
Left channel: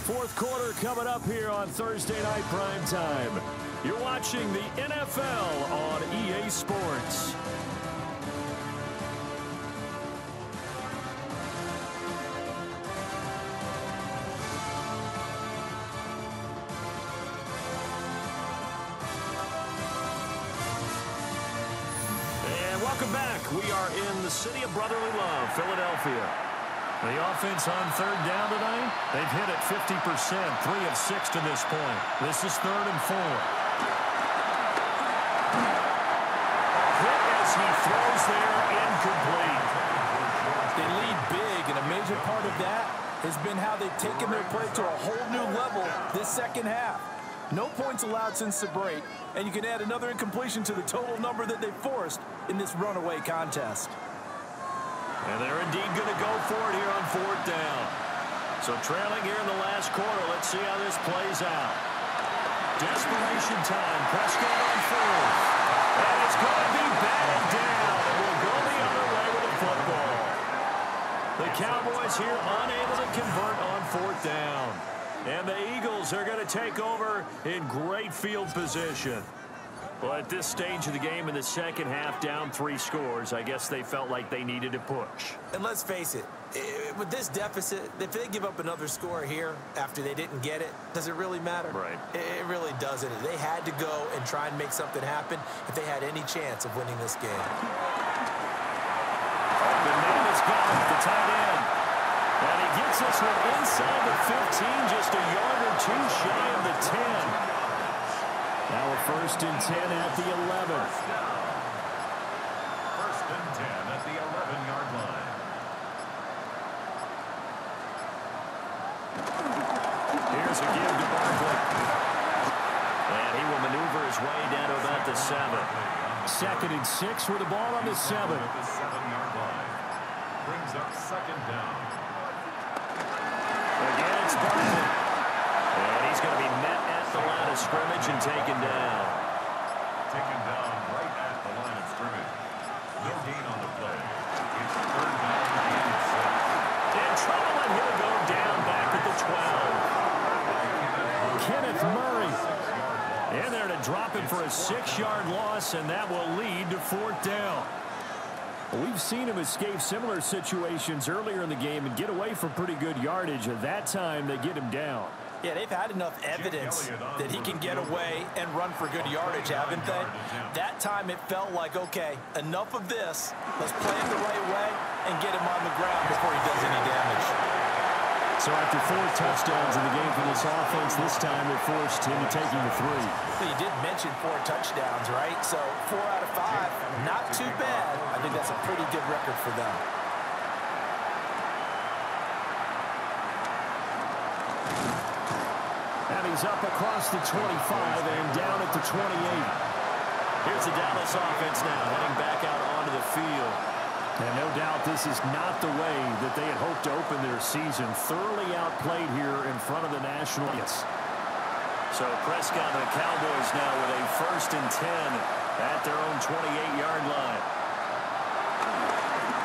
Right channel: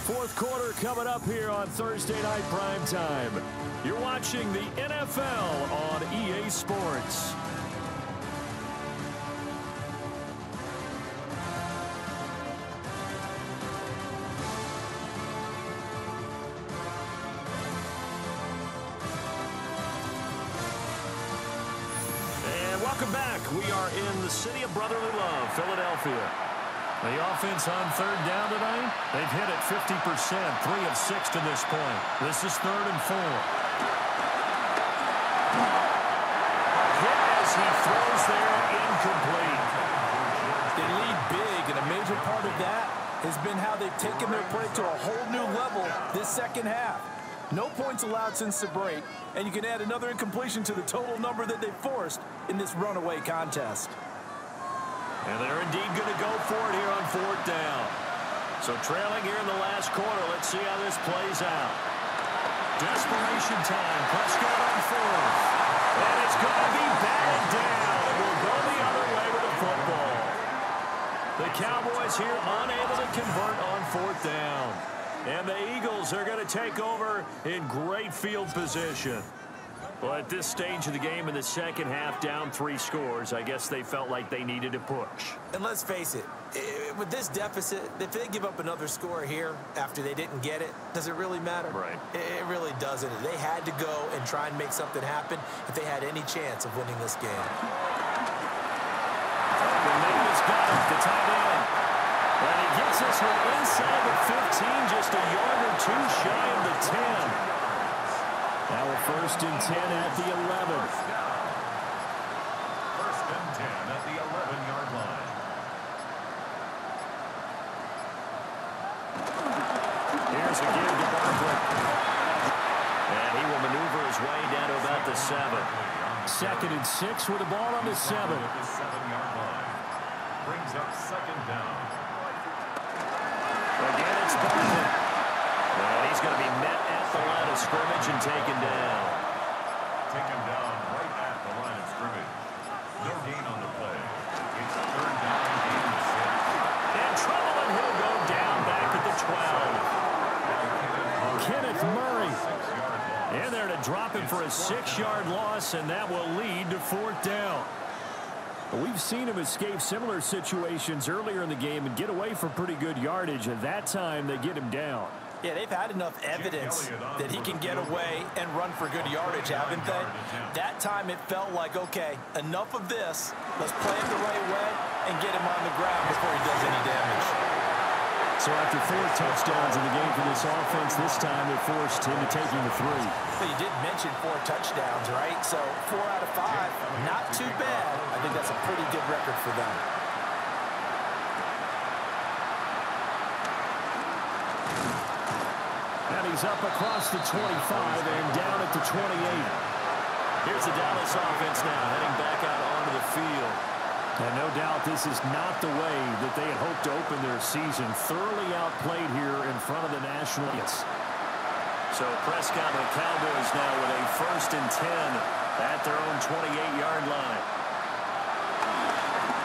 4th quarter coming up here on Thursday Night Primetime. You're watching the NFL on EA Sports. Welcome back. We are in the city of brotherly love, Philadelphia. The offense on 3rd down tonight, they've hit it 50%, 3 of 6 to this point. This is 3rd and 4. Hit as he throws there, incomplete. They lead big, and a major part of that has been how they've taken their play to a whole new level this second half. No points allowed since the break, and you can add another incompletion to the total number that they forced in this runaway contest. And they're indeed going to go for it here on 4th down. So trailing here in the last quarter, let's see how this plays out. Desperation time, Prescott on 4th. And it's going to be batted down, and we'll go the other way with the football. The Cowboys here unable to convert on 4th down. And the Eagles are going to take over in great field position. Well, at this stage of the game in the second half, down 3 scores, I guess they felt like they needed to push. And let's face it, with this deficit, if they give up another score here after they didn't get it, does it really matter? Right. It really doesn't. They had to go and try and make something happen if they had any chance of winning this game. The man has got him, the tight end. And he gets this one inside the 15, just a yard or 2 shy of the 10. Now a 1st and 10 at the 11. 1st and 10 at the 11-yard line. Here's a give to Barkley. And he will maneuver his way down to about the 7. 2nd and 6 with the ball on the 7. At the 7-yard line. Brings up 2nd down. Again, it's Barkley. And he's going to be met at the line of scrimmage and taken down. Taken down right at the line of scrimmage. No gain on the play. It's 3rd down and 6. In trouble, and he'll go down back at the 12. Kenneth Murray. In there to drop him for a 6-yard loss, and that will lead to 4th down. We've seen him escape similar situations earlier in the game and get away from pretty good yardage. At that time, they get him down. Yeah, they've had enough evidence that he can get away and run for good yardage, haven't they? That time it felt like, okay, enough of this. Let's play it the right way and get him on the ground before he does any damage. So after 4 touchdowns in the game for this offense, this time they're forced into taking the 3. But you did mention 4 touchdowns, right? So 4 out of 5, not too bad. I think that's a pretty good record for them. And he's up across the 25 and down at the 28. Here's the Dallas offense now heading back out onto the field. And no doubt this is not the way that they had hoped to open their season. Thoroughly outplayed here in front of the National Audience. So Prescott and the Cowboys now with a 1st and 10 at their own 28-yard line.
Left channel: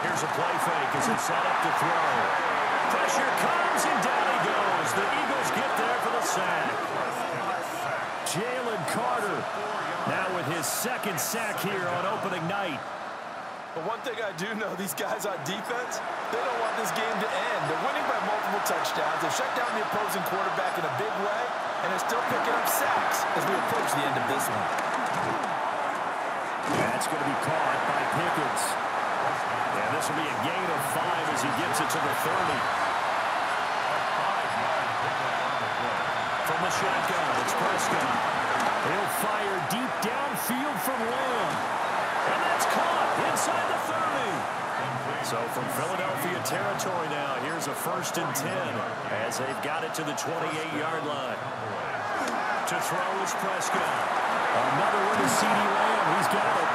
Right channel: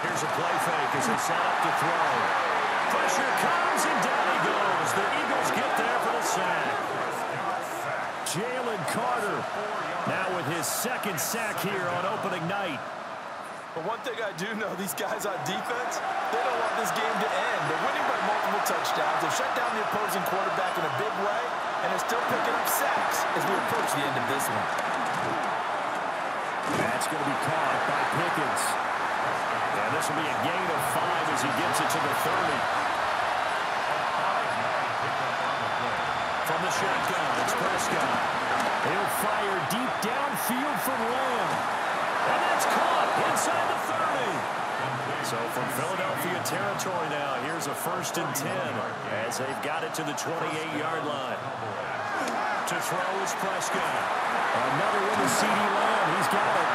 Here's a play fake as they set up to throw. Pressure comes and down he goes. The Eagles get there for the sack. Jalen Carter now with his 2nd sack here on opening night. But one thing I do know, these guys on defense, they don't want this game to end. They're winning by multiple touchdowns. They've shut down the opposing quarterback in a big way, and they're still picking up sacks as we approach the end of this one. That's going to be caught by Pickens. And this will be a gain of 5 as he gets it to the 30. From the shotgun, it's Prescott. He'll fire deep downfield from Lamb. And that's caught inside the 30. So from Philadelphia territory now, here's a 1st and 10 as they've got it to the 28-yard line. To throw is Prescott. Another one to CeeDee Lamb. He's got it.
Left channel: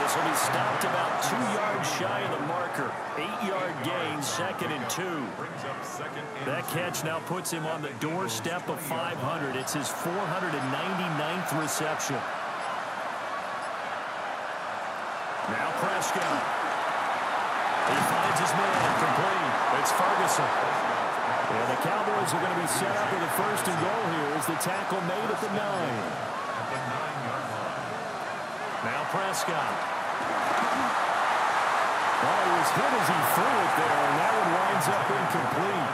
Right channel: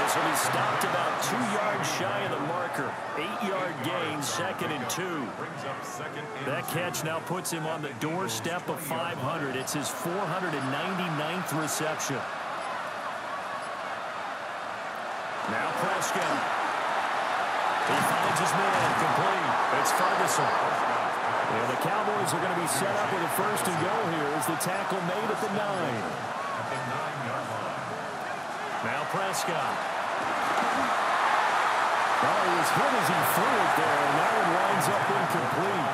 This will be stopped about 2 yards shy of the marker. 8-yard gain, 2nd and 2. That catch now puts him on the doorstep of 500. It's his 499th reception. Now Prescott. He finds his man complete. It's Ferguson. And the Cowboys are going to be set up with a 1st and goal here as the tackle made at the 9. At the 9-yard line. Now Prescott. Oh, he was hit as he threw it there, and that one winds up incomplete.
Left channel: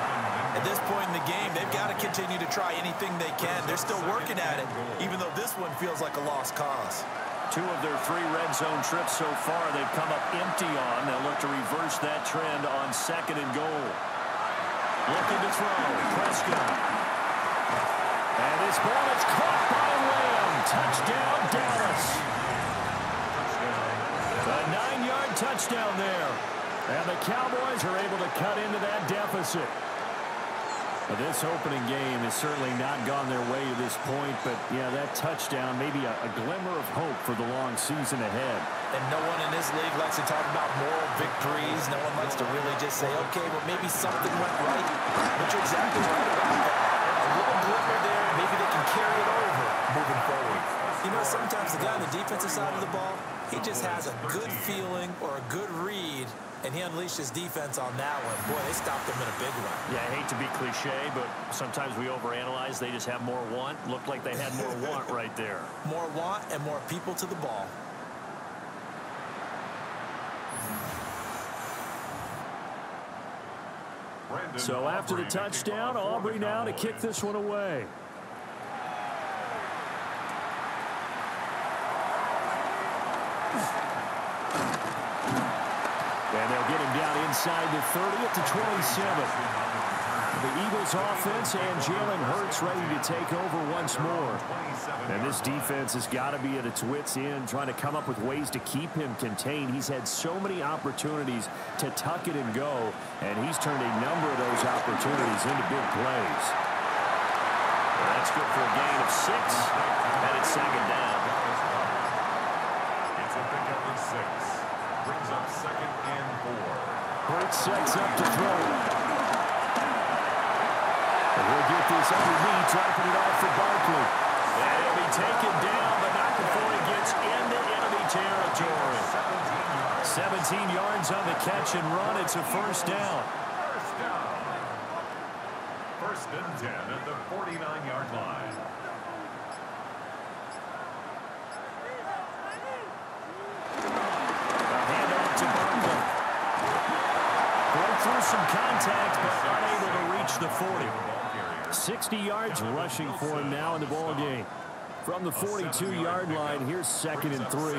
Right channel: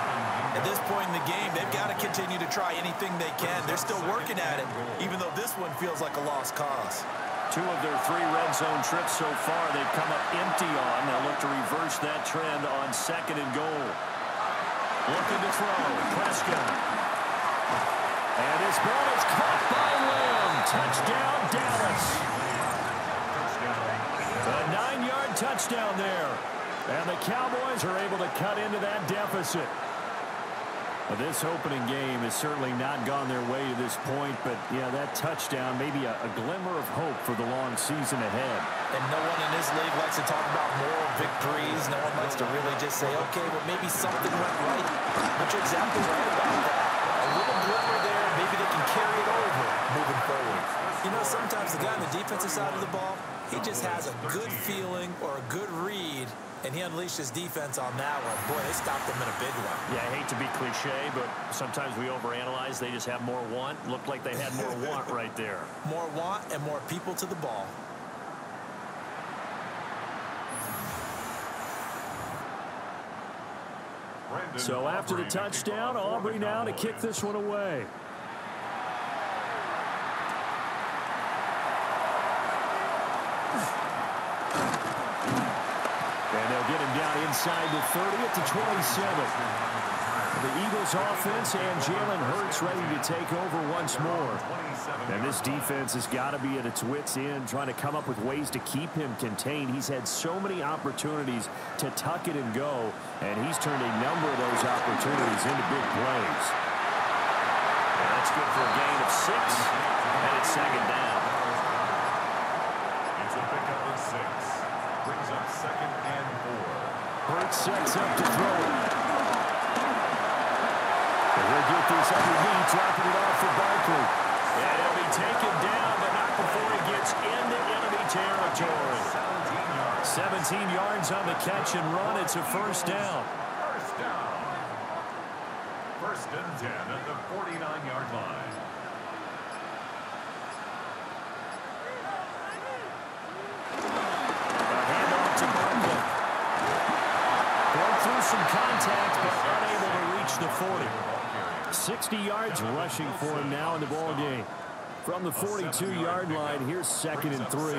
At this point in the game, they've got to continue to try anything they can. They're still working at it, even though this one feels like a lost cause. 2 of their 3 red zone trips so far they've come up empty on. They'll look to reverse that trend on 2nd and goal. Looking to throw. Prescott. And this ball is caught by Lamb. Touchdown, Dallas. A 9-yard touchdown there. And the Cowboys are able to cut into that deficit. This opening game has certainly not gone their way to this point, but yeah, that touchdown, maybe a glimmer of hope for the long season ahead. And no one in this league likes to talk about moral victories. No one likes to really just say, okay, well, maybe something went right. But you're exactly right about that. A little glimmer there, maybe they can carry it over moving forward. You know, sometimes the guy on the defensive side of the ball, he just has a good feeling or a good read, and he unleashed his defense on that one. Boy, they stopped him in a big one. Yeah, I hate to be cliche, but sometimes we overanalyze. They just have more want. Looked like they had more want right there. More want and more people to the ball. So after the touchdown, Aubrey now to kick this one away. And they'll get him down inside the 30 at the 27. The Eagles offense and Jalen Hurts ready to take over once more. And this defense has got to be at its wits' end, trying to come up with ways to keep him contained. He's had so many opportunities to tuck it and go, and he's turned a number of those opportunities into big plays. And that's good for a gain of 6, and it's 2nd down. It's a pickup of 6. Brings up 2nd and 4. Hurts sets up to throw. And he'll get this underneath, dropping it off for Barkley. And he'll be taken down, but not before he gets into enemy territory. 17 yards on the catch and run. It's a 1st down. First and 10 at the 49-yard line. A handoff to Barkley. Broke through some contact, but unable to reach the 40. 60 yards rushing for him now in the ball game. From the 42-yard line, here's second and 3.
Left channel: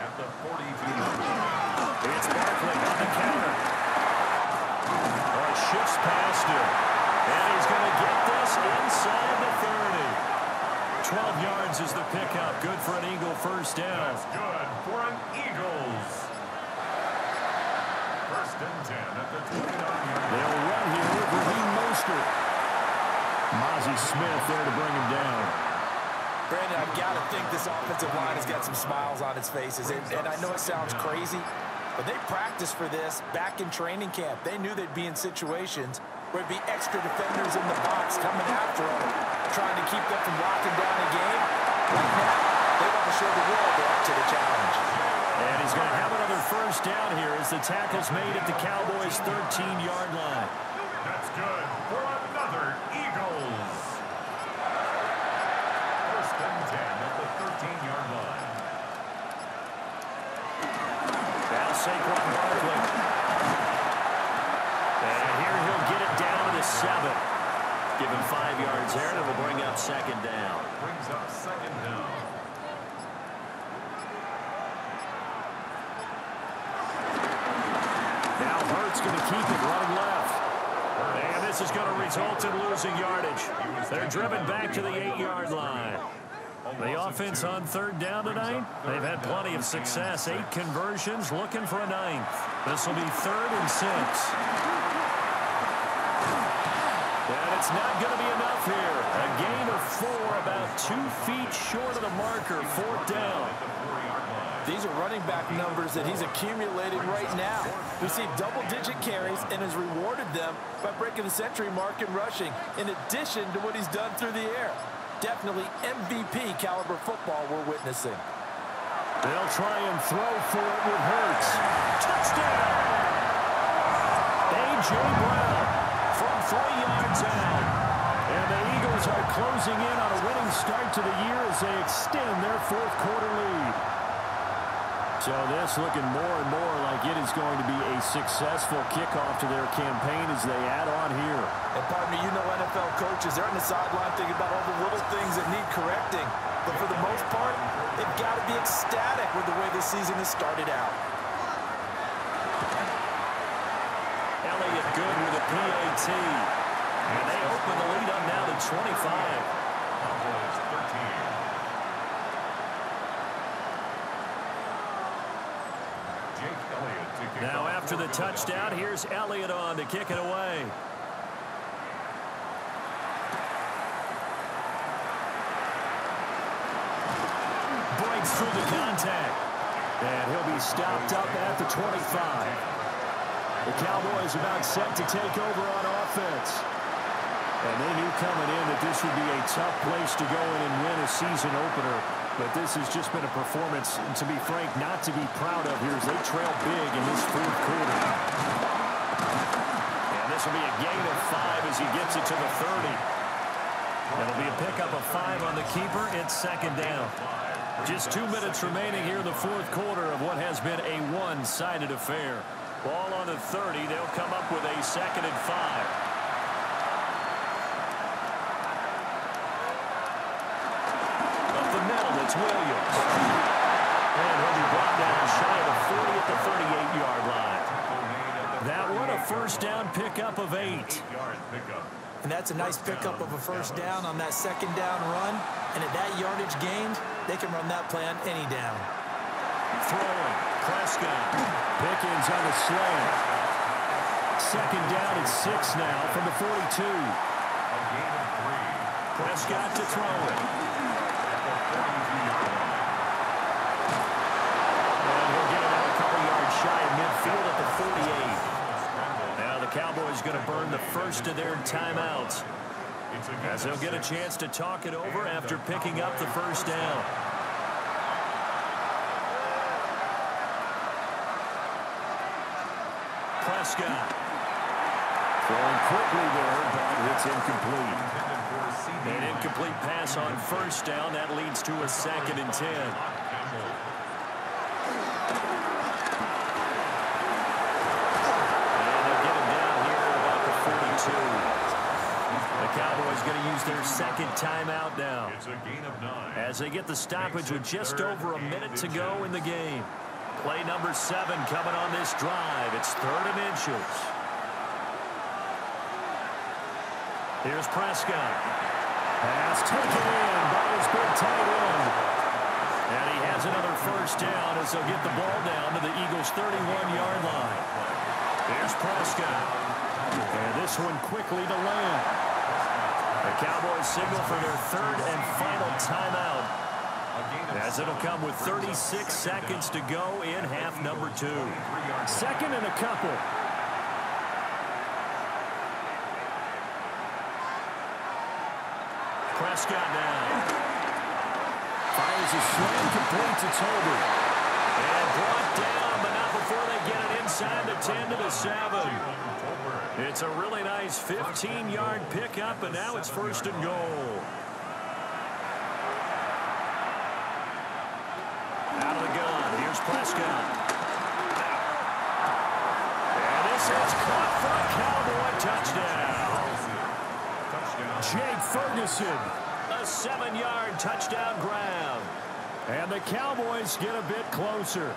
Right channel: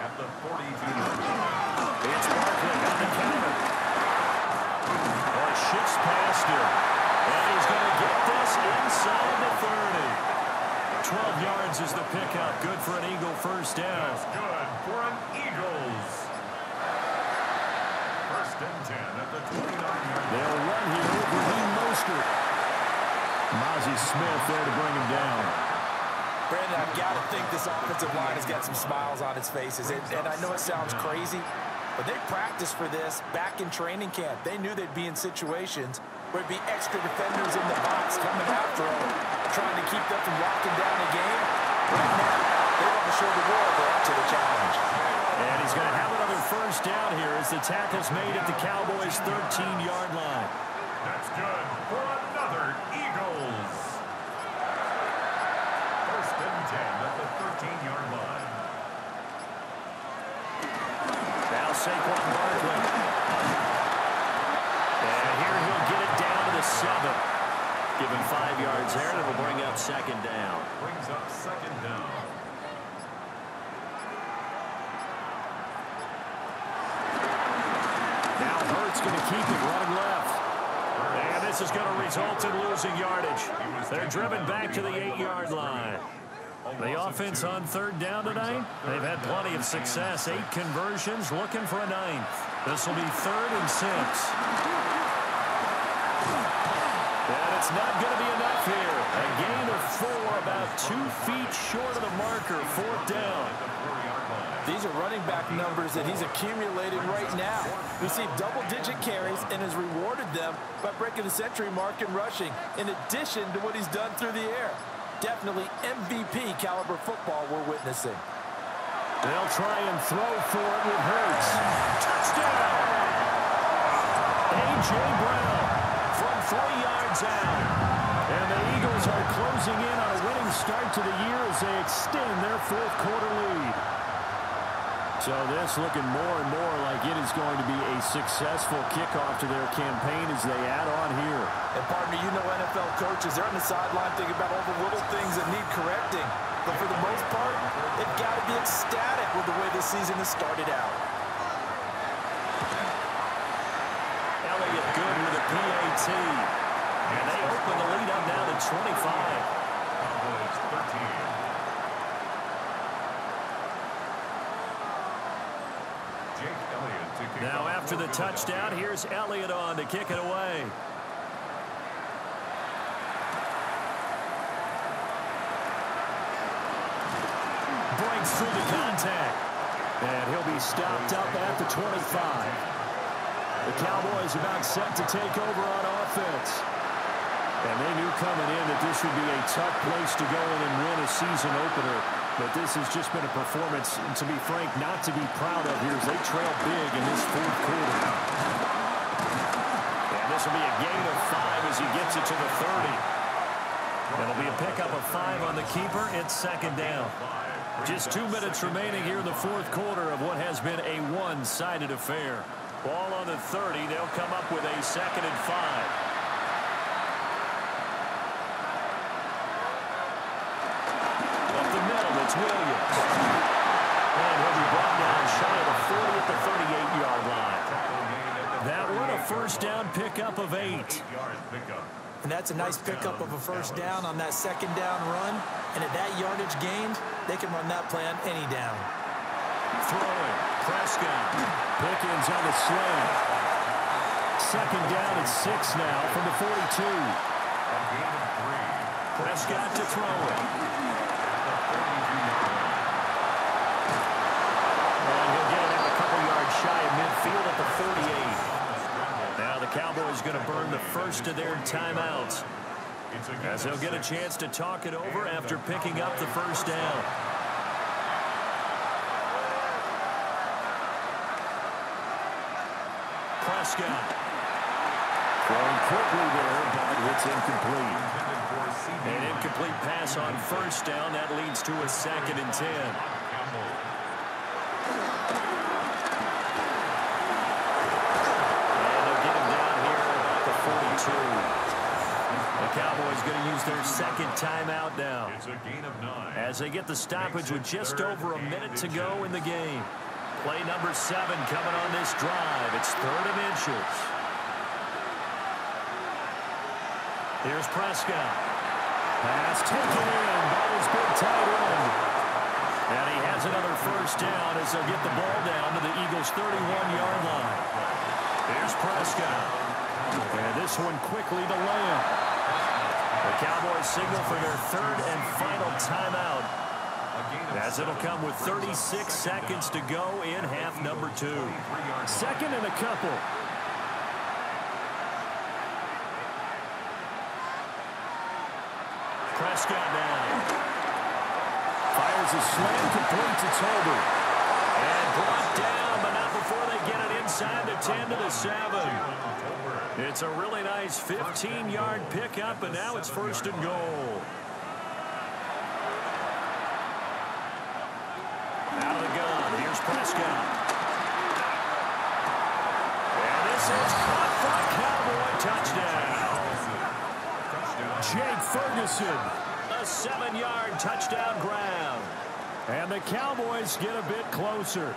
At the 42-yard line. It's Barkley on the counter. Oh, he shifts past him. And he's going to get this inside the 30. 12 yards is the pickup. Good for an Eagle first down. That's good for an Eagles. First and 10 at the 29-yard line. They'll run here with Raheem Mostert. Mozzie Smith there to bring him down. Brandon, I've got to think this offensive line has got some smiles on its faces. And I know it sounds crazy, but they practiced for this back in training camp. They knew they'd be in situations where it'd be extra defenders in the box coming after them, trying to keep them from locking down a game. Right now, they want to show the world they're up to the challenge. And he's going to have another first down here as the tackle's made at the Cowboys' 13-yard line. That's good for another Eagles. First and 10 at the 13-yard line. Now Saquon Barkley. And here he'll get it down to the 7. Give him 5 yards there, and it'll bring up second down. Brings up second down. Now Hurts going to keep it running left. And this is going to result in losing yardage. They're driven back to the 8-yard line. The offense on third down tonight, they've had plenty of success. 8 conversions, looking for a 9th. This will be 3rd and 6. And it's not going to be enough here. A gain of 4, about 2 feet short of the marker, 4th down. These are running back numbers that he's accumulating right now. Received double-digit carries and has rewarded them by breaking the century mark in rushing, in addition to what he's done through the air. Definitely MVP caliber football we're witnessing. They'll try and throw for it with Hurts. Touchdown! A.J. Brown from 3 yards out. And the Eagles are closing in on a winning start to the year as they extend their 4th quarter lead. So this looking more and more like it is going to be a successful kickoff to their campaign as they add on here. And partner, you know NFL coaches, they're on the sideline thinking about all the little things that need correcting. But for the most part, they've got to be ecstatic with the way this season has started out. Elliott good with a PAT. And they open the lead up now to 25. Cowboys 13. Now after the touchdown, here's Elliott on to kick it away. Breaks through the contact. And he'll be stopped up at the 25. The Cowboys about set to take over on offense. And they knew coming in that this would be a tough place to go in and win a season opener. But this has just been a performance, to be frank, not to be proud of here as they trail big in this 4th quarter. And this will be a gain of 5 as he gets it to the 30. It'll be a pickup of 5 on the keeper. It's second down. Just 2 minutes remaining here in the 4th quarter of what has been a one-sided affair. Ball on the 30. They'll come up with a 2nd and 5. It's Williams. And he'll be brought down shy of the 40 at the 38-yard line. That one a first down pickup of 8. And that's a nice pickup of a first down on that second down run. And at that yardage gained, they can run that play on any down. Throwing. Prescott. Pickens on the slant. Second down at 6 now from the 42. A gain of 3. Prescott to throw it. And he'll get it out a couple yards shy of midfield at the 48. Now the Cowboys going to burn the first of their timeouts as they'll get a chance to talk it over after picking up the first down. Prescott Throwing quickly there, but it's incomplete. An incomplete pass on first down. That leads to a 2nd and 10. And they'll get him down here at about the 42. The Cowboys going to use their 2nd timeout now. It's a gain of 9. As they get the stoppage with just over a minute to go in the game. Play number 7 coming on this drive. It's 3rd and inches. Here's Prescott. Pass taken in by his big tight end. And he has another first down as they'll get the ball down to the Eagles' 31-yard line. Here's Prescott. And this one quickly to Lamb. The Cowboys signal for their 3rd and final timeout, as it'll come with 36 seconds to go in half number 2. 2nd and a couple. Prescott now. Fires a slam, completes it Tolbert. And brought down, but not before they get it inside the 10 to the 7. It's a really nice 15-yard pickup, and now it's 1st and goal. Out of the gun, here's Prescott. And this is caught for a Cowboy touchdown. Jake Ferguson, a 7-yard touchdown grab. And the Cowboys get a bit closer.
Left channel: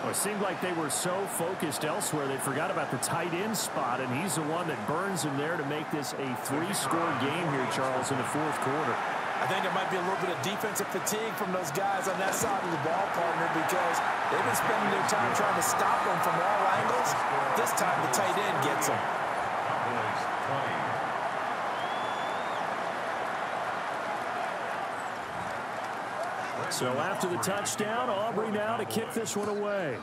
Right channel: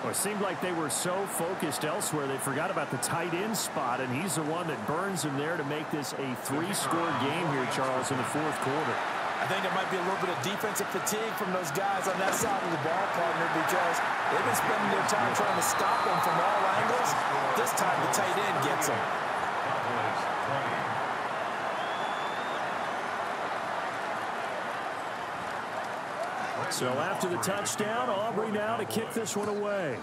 Well, it seemed like they were so focused elsewhere they forgot about the tight end spot, and he's the one that burns him there to make this a 3-score game here, Charles, in the 4th quarter. I think there might be a little bit of defensive fatigue from those guys on that side of the ball, partner, because they've been spending their time trying to stop them from all angles. This time the tight end gets them. Cowboys 20. So after the touchdown, Aubrey now to kick this one away.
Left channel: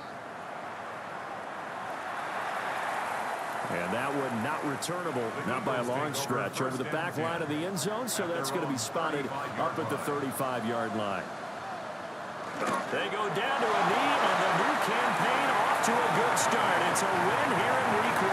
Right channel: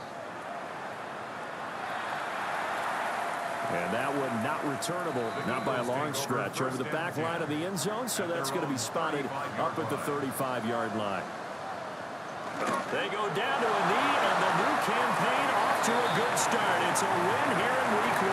And that one not returnable, not by a long stretch, over the back line of the end zone, so that's going to be spotted up at the 35-yard line. They go down to a knee, and the new campaign off to a good start. It's a win here in Week 1.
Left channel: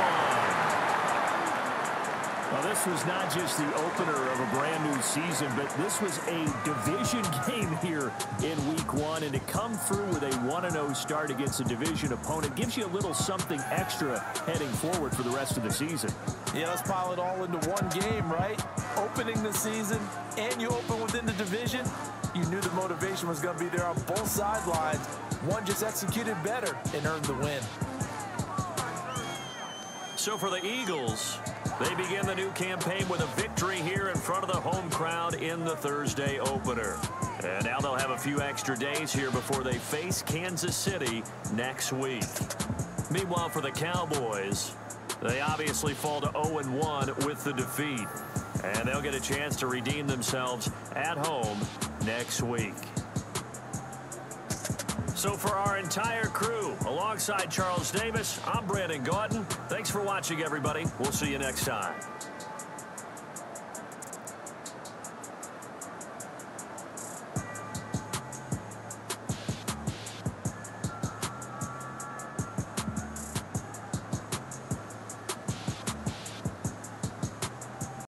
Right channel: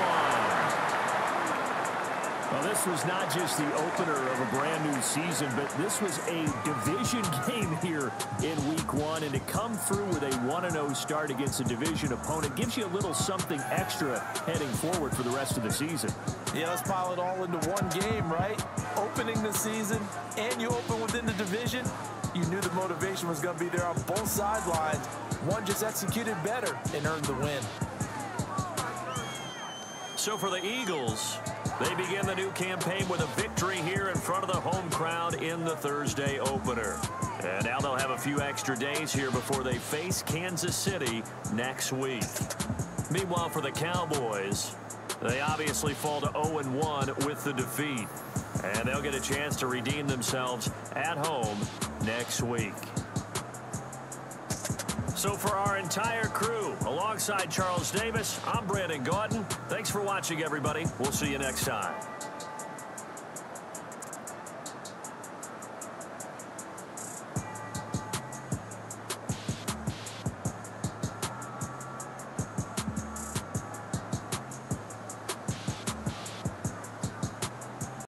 Well, this was not just the opener of a brand-new season, but this was a division game here in Week 1, and to come through with a 1-0 start against a division opponent gives you a little something extra heading forward for the rest of the season. Yeah, let's pile it all into one game, right? Opening the season, and you open within the division. You knew the motivation was going to be there on both sidelines. One just executed better and earned the win. So for the Eagles, they begin the new campaign with a victory here in front of the home crowd in the Thursday opener. And now they'll have a few extra days here before they face Kansas City next week. Meanwhile, for the Cowboys, they obviously fall to 0-1 with the defeat. And they'll get a chance to redeem themselves at home next week. So for our entire crew, alongside Charles Davis, I'm Brandon Gautin. Thanks for watching, everybody. We'll see you next time.